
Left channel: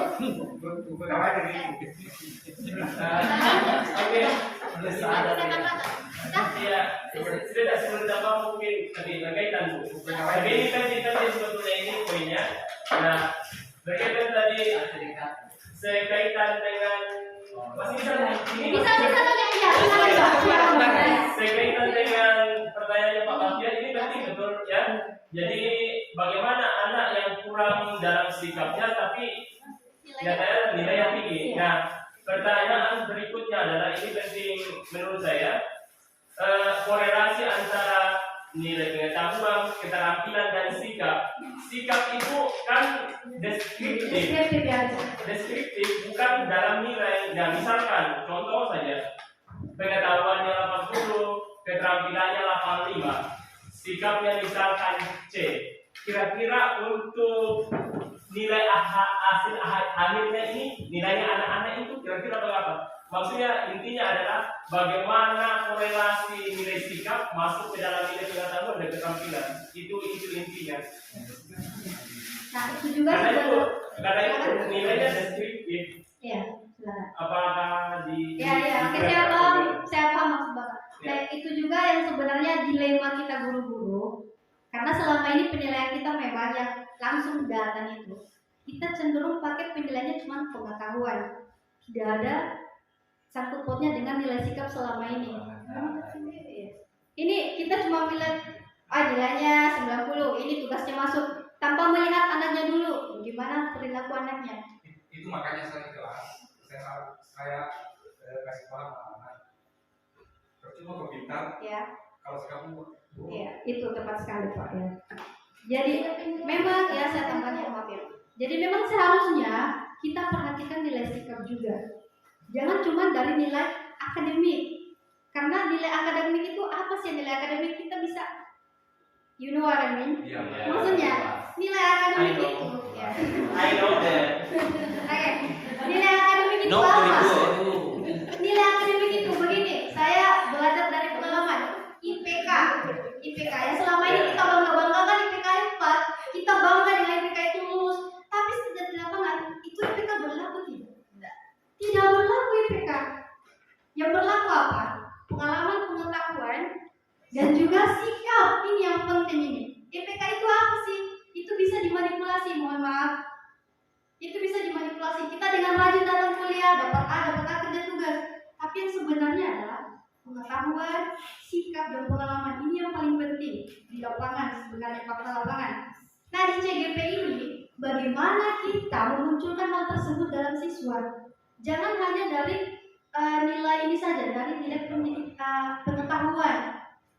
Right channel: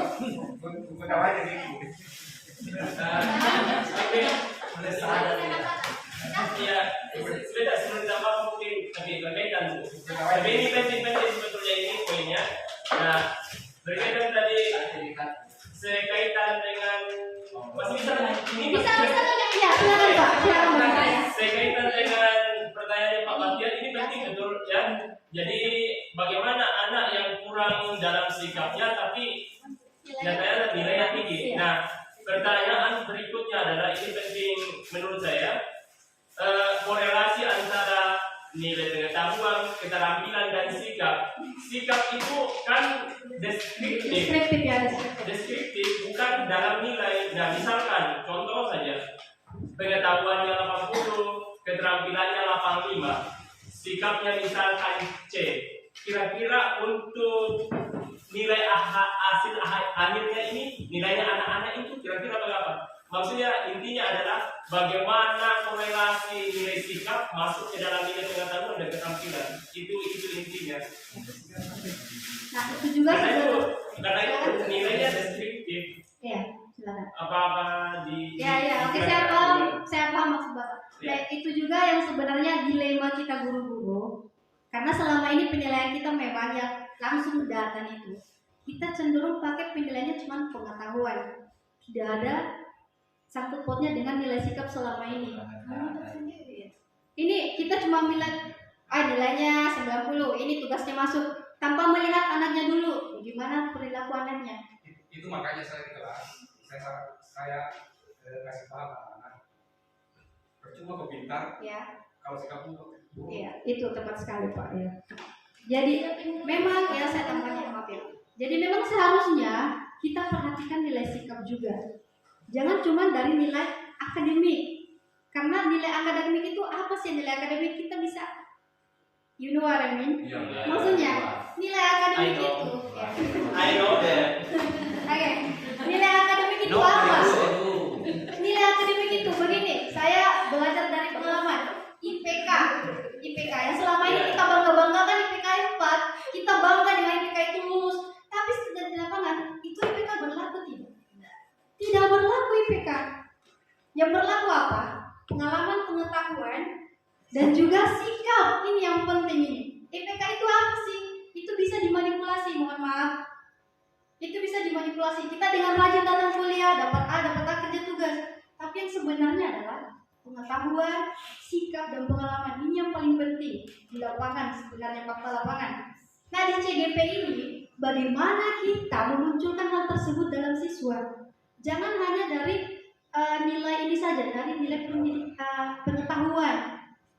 Ya, sudah sebenarnya apa mungkin lebih berkaitan Bu. Tapi ini kan sebetulnya ini poinnya. Nah, berkaitan tadi sekaitan dengan masih bisa ini Bisa ya, silakan Pak. sekaitan dengan pertanyaannya Pak Bahtiar ini penting betul ya. Jadi bagaimana anak yang kurang dalam sikapnya tapi nyatanya nilai yang tinggi. Nah, pertanyaan berikutnya adalah ini penting menurut saya, korelasi antara nilai pengetahuan, keterampilan dan sikap. Sikap itu kan deskriptif, bukan dalam nilai. Nah, misalkan contoh saja, pengetahuannya 80, keterampilannya 85, sikapnya misalkan C. Kira-kira untuk nilai hasil akhirnya ini, nilainya anak-anak itu kira-kira berapa? Maksudnya intinya adalah bagaimana korelasi nilai sikap masuk ke dalam nilai pengetahuan dan keterampilan. Itu intinya. Nah, itu juga Karena itu nilainya deskriptif. Iya, silakan. Apakah di Ya, oke, saya paham maksud Bapak. Ya. Nah, itu juga yang sebenarnya dilema kita guru-guru. Karena selama ini penilaian kita banyak langsung data itu. Kita cenderung pakai penilaiannya cuma pengetahuan. Tidak ada sangkut pautnya dengan nilai sikap selama ini. Ini kita cuma bilang nilainya 90, ini tugasnya masuk tanpa melihat anaknya dulu, gimana perilaku anaknya. Itu makanya saya di kelas saya kasih paham anak-anak. Percuma kau pintar Ya. kalau sikapmu buruk. Iya, itu tepat sekali Pak ya. Jadi memang ya saya tambahkan maaf ya. Jadi memang seharusnya kita perhatikan nilai sikap juga. Jangan cuma dari nilai akademik. Karena nilai akademik itu apa sih? Nilai akademik kita bisa, you know what I mean? Maksudnya nilai akademik itu ya. I know that. Oke, nilai akademik itu apa? Nilai akademik itu begini, saya belajar dari pengalaman. IPK yang selama ini kita bangga-banggakan IPK 4, kita bangga dengan IPK itu lulus, tapi setelah di lapangan itu IPK berlaku tidak? Tidak berlaku IPK. Yang berlaku apa? Pengalaman, pengetahuan, dan juga sikap. Ini yang penting ini. IPK itu apa sih? Itu bisa dimanipulasi, mohon maaf. Itu bisa dimanipulasi. Kita dengan rajin datang kuliah, dapat A, dapat A kerja tugas. Tapi yang sebenarnya adalah pengetahuan, sikap, dan pengalaman. Ini yang paling penting di lapangan, sebenarnya fakta lapangan. Nah, di CGP ini, bagaimana kita memunculkan hal tersebut dalam siswa? Jangan hanya dari nilai ini saja, dari nilai pengetahuan.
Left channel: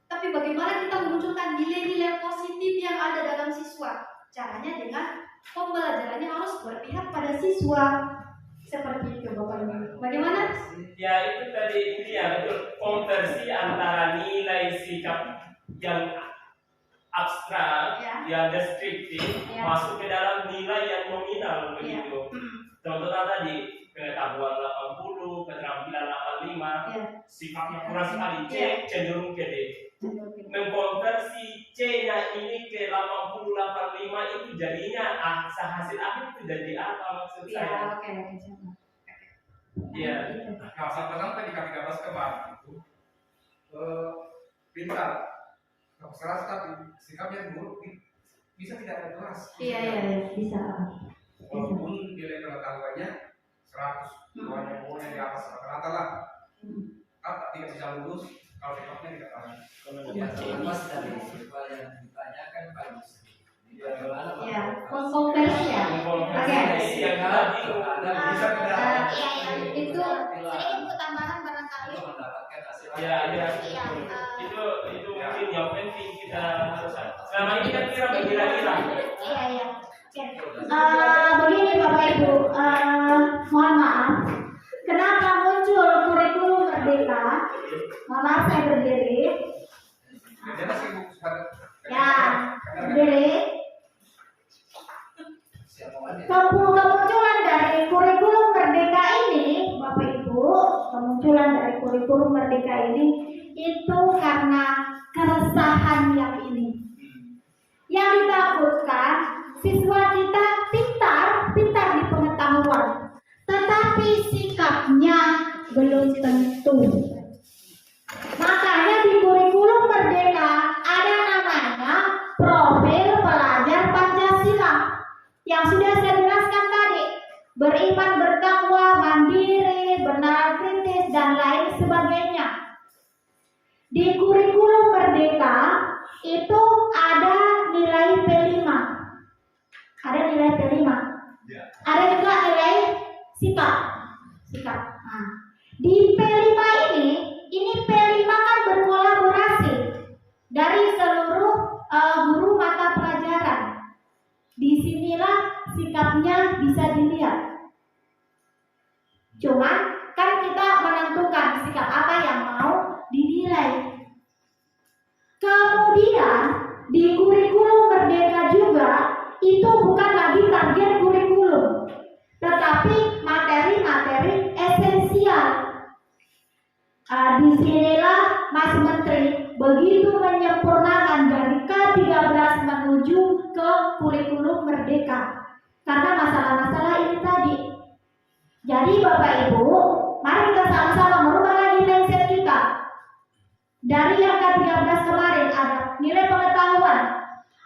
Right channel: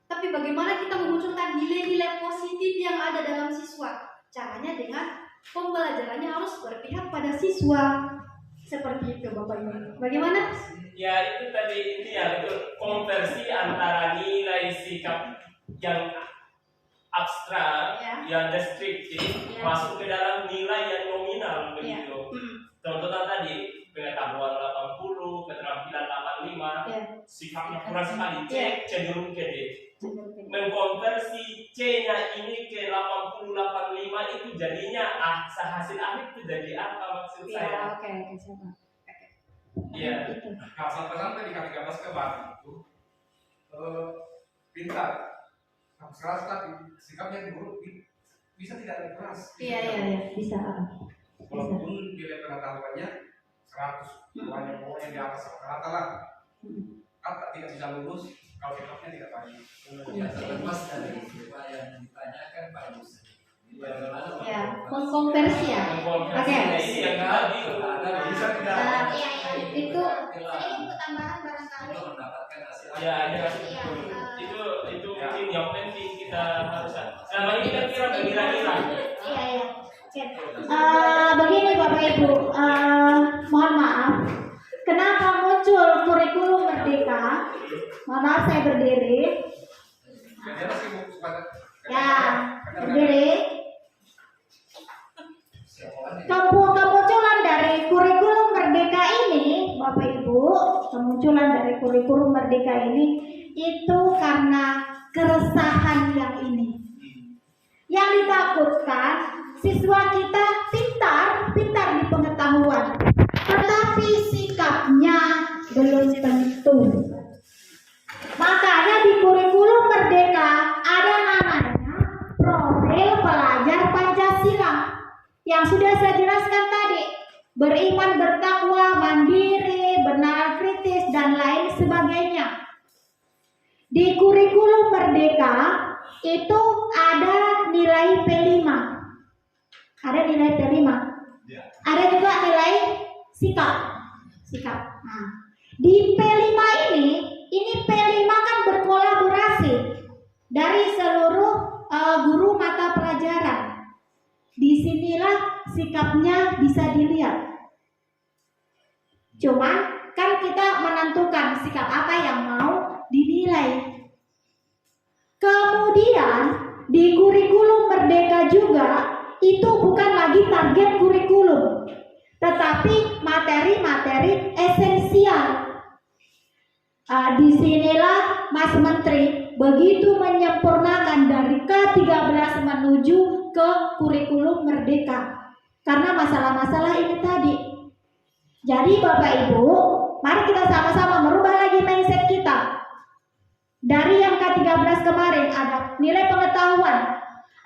Tapi bagaimana kita memunculkan nilai-nilai positif yang ada dalam siswa? Caranya dengan pembelajarannya harus berpihak pada siswa. Seperti itu Bapak Ibu. Bagaimana? Ya itu tadi intinya itu konversi antara nilai sikap yang abstrak, Ya. yang deskriptif, Ya. masuk ke dalam nilai yang nominal begitu. Hmm. Contohnya tadi pengetahuan 80, keterampilan 85, Ya. sifatnya kurang sekali, C Ya. cenderung ke D. Mengkonversi C-nya ini ke 80, 85 itu jadinya hasil akhir itu jadi apa maksud Ya, saya? oke, siapa? Iya. Nah, sampai di K13 kemarin itu pintar, keras tapi sikapnya buruk, bisa tidak ada keras. Iya, bisa. Walaupun nilai pengetahuannya 100, pokoknya di atas rata-rata lah. Kata tidak bisa lulus kalau sikapnya tidak baik. Ya, terlepas dari siapa yang ditanyakan bagus. Ya, mengkonversi ya. Mengkonversi yang tadi Bisa tidak? Itu Saya ikut tambahan barangkali. Untuk mendapatkan hasil. ya Iya. itu mungkin yang penting kita harus. Selama ini kan kira mengira-ngira. Iya. Oke. Begini Bapak Ibu, mohon maaf. Kenapa muncul kurikulum merdeka? Mohon maaf saya berdiri. Jadi sibuk pada Ya, berdiri. Siapa Kemunculan dari kurikulum merdeka ini, Bapak Ibu, kemunculan dari kurikulum merdeka ini itu karena keresahan yang ini. Yang ditakutkan siswa kita pintar di pengetahuan, tetapi sikapnya belum tentu. Makanya di kurikulum merdeka ada namanya profil pelajar Pancasila yang sudah saya jelaskan tadi, beriman, bertakwa, mandiri, bernalar kritis, dan lain sebagainya. Di kurikulum merdeka itu ada nilai P5. Ada nilai P5. Ada juga nilai sikap. Nah, di P5 ini P5 kan berkolaborasi dari seluruh guru mata pelajaran. Disinilah sikapnya bisa dilihat. Cuman kan kita menentukan sikap apa yang mau dinilai. Kemudian di kurikulum merdeka juga itu bukan lagi target kurikulum, tetapi materi-materi esensial. Disinilah Mas Menteri begitu menyempurnakan dari K13 menuju ke kurikulum merdeka karena masalah-masalah ini tadi. Jadi Bapak Ibu, mari kita sama-sama merubah lagi mindset kita. Dari yang K13 kemarin ada nilai pengetahuan,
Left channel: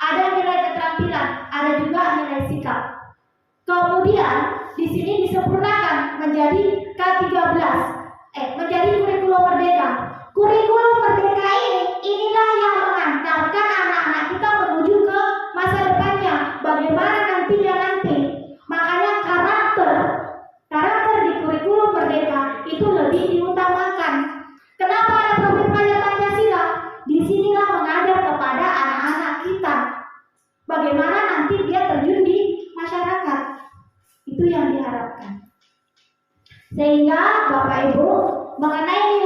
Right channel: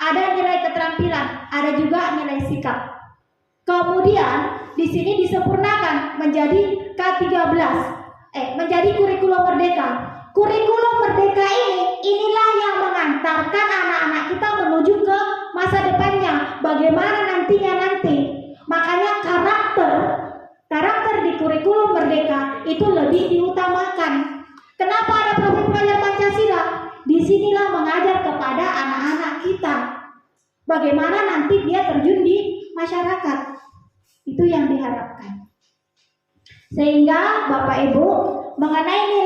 ada nilai keterampilan, ada juga nilai sikap. Kemudian di sini disempurnakan menjadi K13, menjadi kurikulum merdeka. Kurikulum merdeka inilah yang mengantarkan anak-anak kita menuju ke masa depannya. Bagaimana nantinya nanti. Makanya karakter di kurikulum merdeka itu lebih diutamakan. Kenapa ada profil pelajar Pancasila? Disinilah mengajar kepada anak-anak kita bagaimana nanti dia terjun di masyarakat. Itu yang diharapkan. Sehingga Bapak Ibu mengenai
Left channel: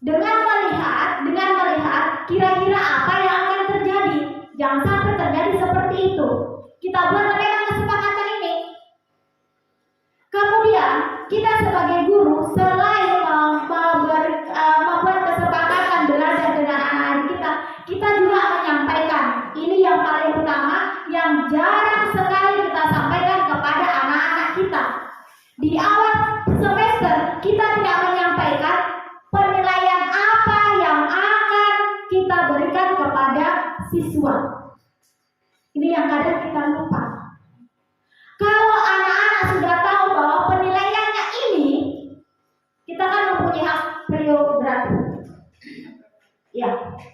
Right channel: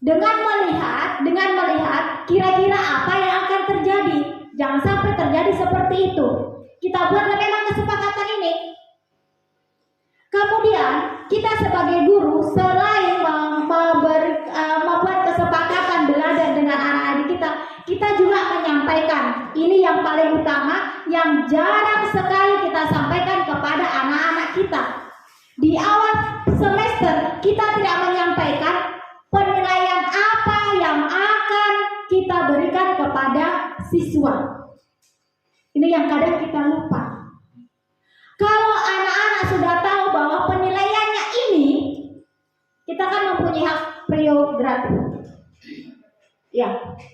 dengan melihat kira-kira apa yang akan terjadi. Jangan sampai terjadi seperti itu. Kita buat memang kesepakatan ini. Kemudian kita sebagai guru selain membuat kesepakatan belajar dengan anak-anak kita juga menyampaikan. Ini yang paling utama, yang jarang sekali kita sampaikan kepada anak-anak kita. Di awal semester kita tidak menyampaikan penilaian apa yang akan kita berikan kepada siswa. Ini yang kadang kita lupa. Kalau anak-anak sudah tahu bahwa penilaiannya ini, kita kan mempunyai hak prerogatif. Ya,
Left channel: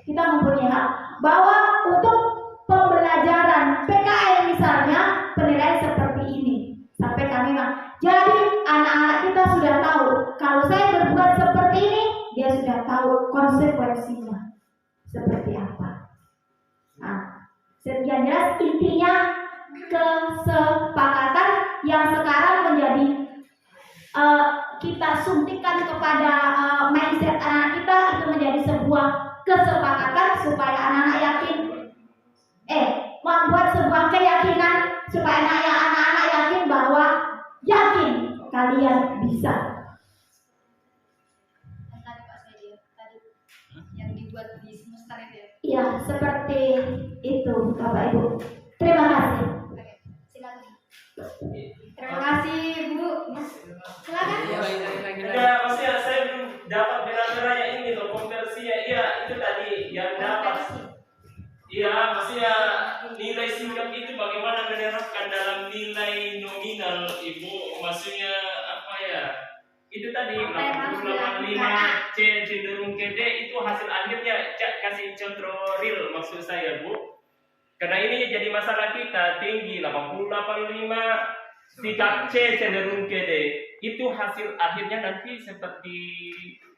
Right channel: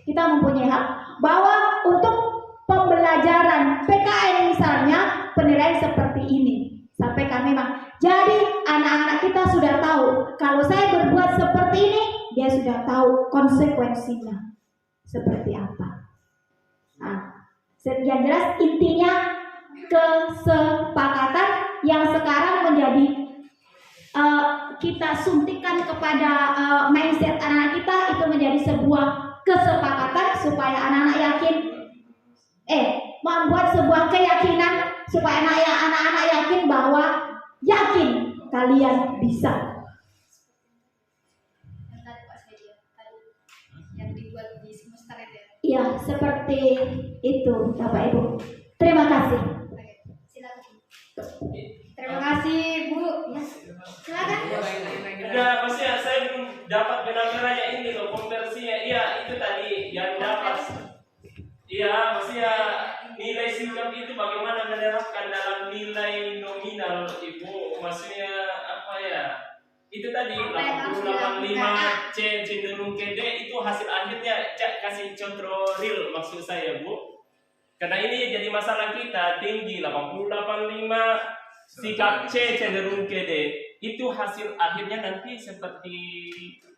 kita mempunyai hak bahwa untuk pembelajaran PKN misalnya penilaian seperti ini. Sampai kami jadi anak-anak kita sudah tahu kalau saya berbuat seperti ini, dia sudah tahu konsekuensinya seperti apa. Nah, yang jelas intinya kesepakatan yang sekarang menjadi kita suntikan kepada mindset anak kita, itu menjadi sebuah kesepakatan supaya anak-anak yakin, membuat sebuah keyakinan supaya anak-anak yakin bahwa yakin kalian bisa. Tadi Pak Sedia, tadi yang dibuat di semester itu ya. Iya, seperti itu Bapak Ibu. Terima kasih. Oke, silakan. Terima kasih Bu. Silakan. Enggak, maksudnya saya belum dapat benar-benarnya ini loh konversinya. Iya, itu tadi yang dapat. Iya, maksudnya nilai sikap itu bagaimana menerapkan dalam nilai nominal, Ibu? Maksudnya apa ya? Itu tadi 88,5 C cenderung ke D, itu hasil akhirnya. Kasih contoh real maksud saya, Bu. Karena ini jadi masalah kita, tinggi 88,5, sikap C cenderung ke D. Itu hasil akhirnya nanti seperti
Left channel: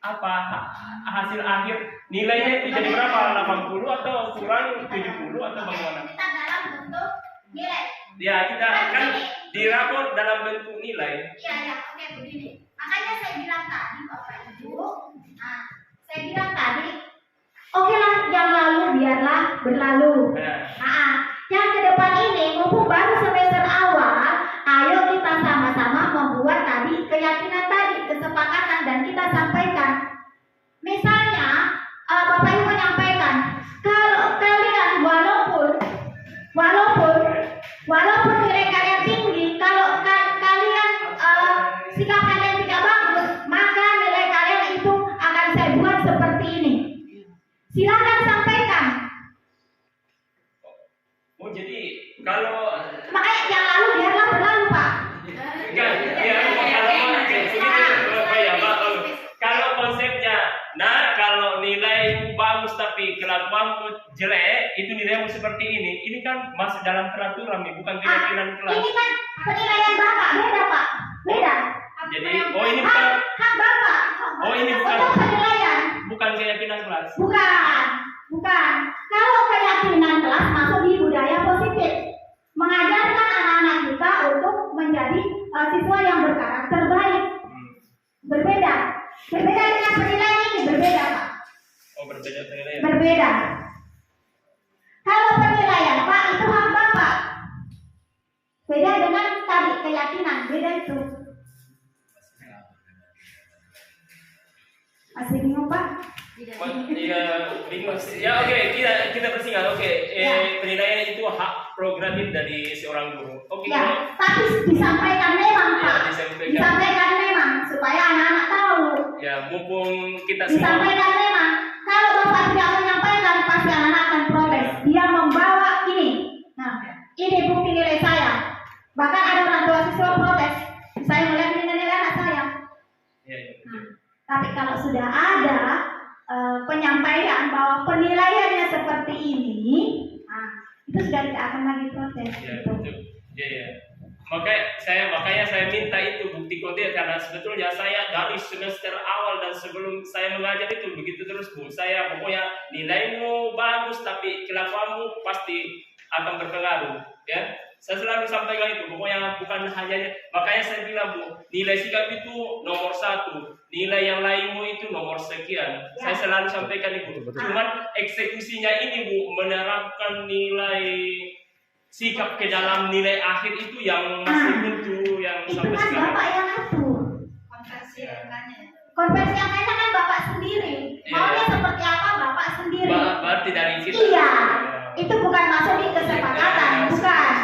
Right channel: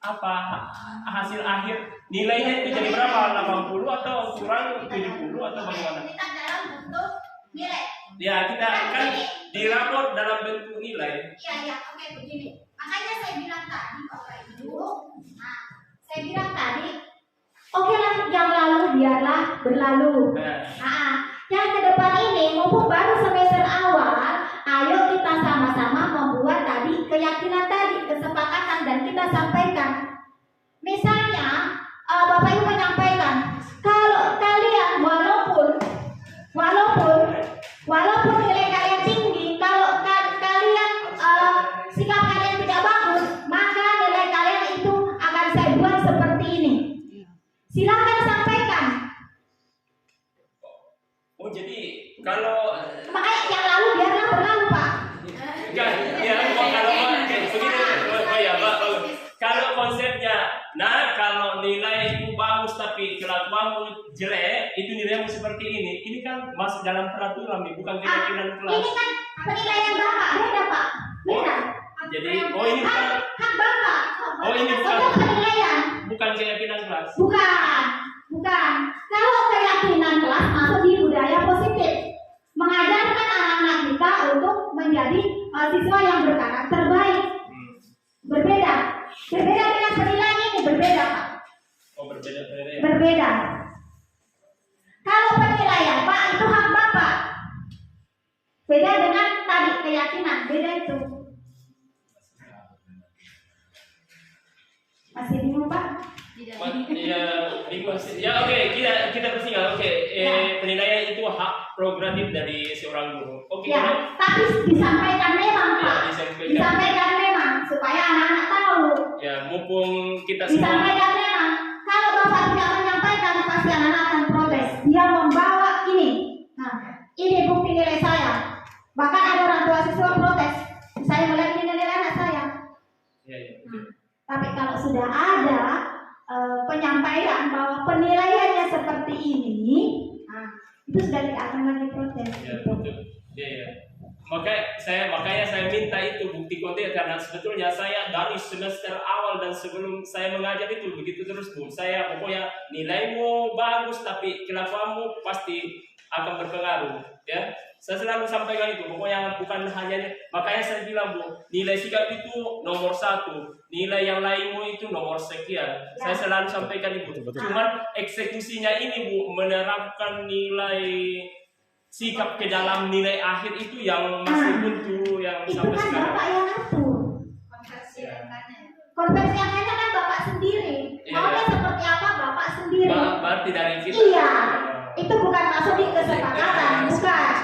apa? Hasil akhir nilainya itu jadi berapa? 80 atau kurang 70 atau bagaimana? Kita dalam bentuk nilai. Ya, kita akan dirapor dalam bentuk nilai. Iya, oke begini. Makanya saya bilang tadi Bapak Ibu, saya bilang tadi, oke lah yang lalu biarlah berlalu. Yang ke depan ini, mumpung baru semester awal, ayo kita sama-sama membuat tadi keyakinan tadi, kesepakatan, dan kita sampaikan. Misalnya, Bapak Ibu menyampaikan, kalau kalian walaupun nilai kalian tinggi, kalau kalian sikap kalian tidak bagus, maka nilai kalian itu akan saya buat seperti ini. Silakan sampaikan. Oh, jadi kalau Makanya yang lalu biarlah berlalu, Pak. enggak, ya, kalau konsepnya, kalau nilaimu bagus tapi kelakuanmu jelek, itu nilaimu seperti ini. Ini kan masuk dalam peraturan, bukan keyakinan kelas. Ini kan penilaian Bapak, beda Pak, beda. Jadi, oh ini bukan, Hak Bapak. oh ini Untuk penilaian. bukan keyakinan kelas. Bukan. Kalau keyakinan kelas masuk di budaya positif, mengajarkan anak-anak kita untuk menjadi siswa yang berkarakter baik. Berbeda dengan penilaian ini, berbeda Pak. Oh, berbeda penilaian. Berbeda. Kalau penilaian Pak itu hak Bapak. Beda dengan tadi keyakinan, beda itu. Masih bingung Pak? Ya, bingung sih. Ya, oke, kita bersingkat. Oke, penilaian itu hak prerogatif dari seorang guru. Oke. Ya, tapi disampaikan memang Pak. Disampaikan memang supaya anak-anak tahu. Ya, mumpung kita semua. Disampaikan memang. Kalau Bapak tidak menyampaikan, pasti anak-anak akan protes. Dia membawa ini. Nah, ini bukti nilai saya. Bahkan ada orang tua siswa protes. Saya melihat nilai anak saya. Ya. Tapi kalau sudah ada penyampaian bahwa penilaiannya seperti ini, itu sudah tidak akan lagi protes. Ya, Gitu. betul. Ya. Makanya saya minta itu bukti kode, karena sebetulnya saya dari semester awal dan sebelum saya mengajar itu begitu terus, Bu. Saya pokoknya nilaimu bagus tapi kelakuanmu pasti akan berpengaruh, ya. Saya selalu sampaikan itu, pokoknya bukan hanya, makanya saya bilang Bu, nilai sikap itu nomor 1, nilai yang lainmu itu nomor sekian. Saya selalu sampaikan itu. Cuman eksekusinya ini Bu, menerapkan nilai sikap ke dalam nilai akhir itu yang masih buntu, yang Itu sampai kan sekarang. Bapak yang atur. Konversi angkanya. Konversi angkanya kan Bapak sendiri. Maunya seperti apa Bapak sendiri. Berarti dari kita. Iya. Itu bukan masuk di kesepakatan, bukan.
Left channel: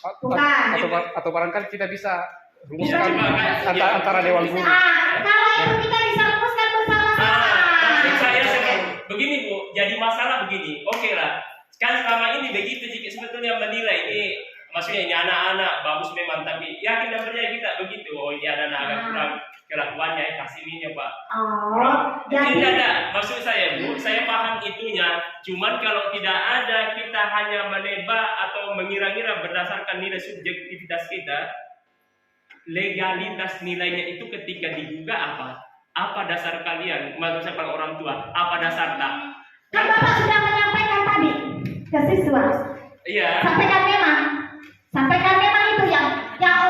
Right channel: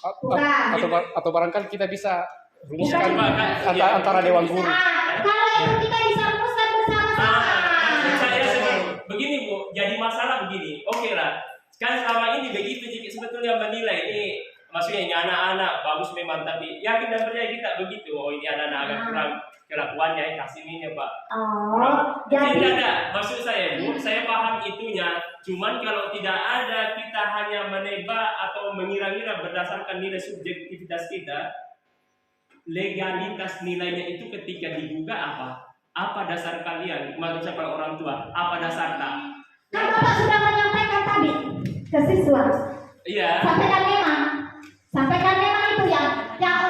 Bukan. Atau barangkali kita bisa rumuskan Bisa. antara Dewan Guru. Kalau itu kita bisa rumuskan bersama-sama. Maksud saya begini Bu, jadi masalah begini. Oke lah, kan selama ini begitu jika sebetulnya menilai ini, maksudnya ini anak-anak bagus memang, tapi yakin dan percaya kita begitu. Oh ini anak-anak agak kurang kelakuannya, kasih ini Pak. Oh, Tidak jadi ada, maksud saya Bu, saya paham itunya. Cuman kalau tidak ada, kita hanya menebak atau mengira-ngira berdasarkan nilai subjektivitas kita, legalitas nilainya itu ketika digugat apa? Apa dasar kalian? Mengucapkan orang tua, apa dasar tak? kan Bapak sudah menyampaikan tadi ke siswa. Iya. Sampaikan memang itu yang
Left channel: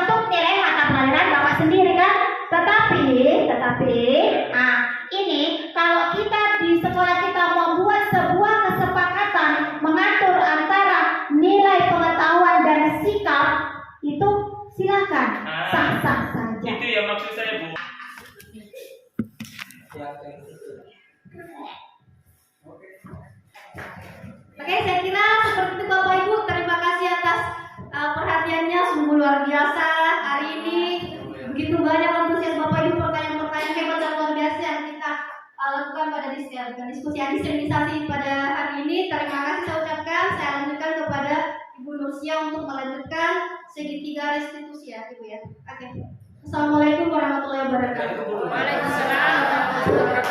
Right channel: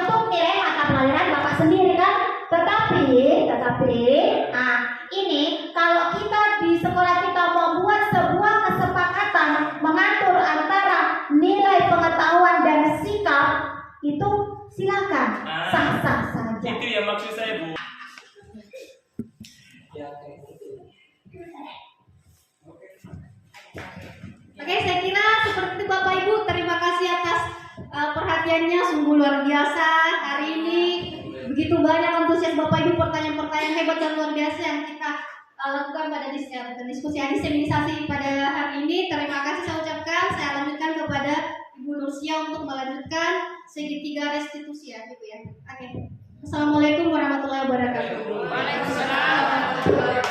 untuk nilai mata pelajaran Bapak sendiri kan. Tetapi, ini kalau kita di sekolah kita membuat sebuah kesepakatan mengatur antara nilai pengetahuan dan sikap, itu silakan, sah-sah saja. Itu yang maksud saya Bu. Oke, saya kira seperti itu Bapak Ibu. Terima kasih atas perhatiannya, sungguh luar biasa hari ini. Begitu banyak antusias Bapak Ibu, pertanyaan-pertanyaan hebat dan luar biasa yang kita lakukan pada diskusi diseminisasi pada hari ini. Terima kasih saya ucapkan. Saya lanjutkan kepada Ibu Nursia untuk melanjutkan segitiga restitusi ya Ibu ya. Oke. Assalamualaikum warahmatullahi wabarakatuh. Waalaikumsalam warahmatullahi wabarakatuh.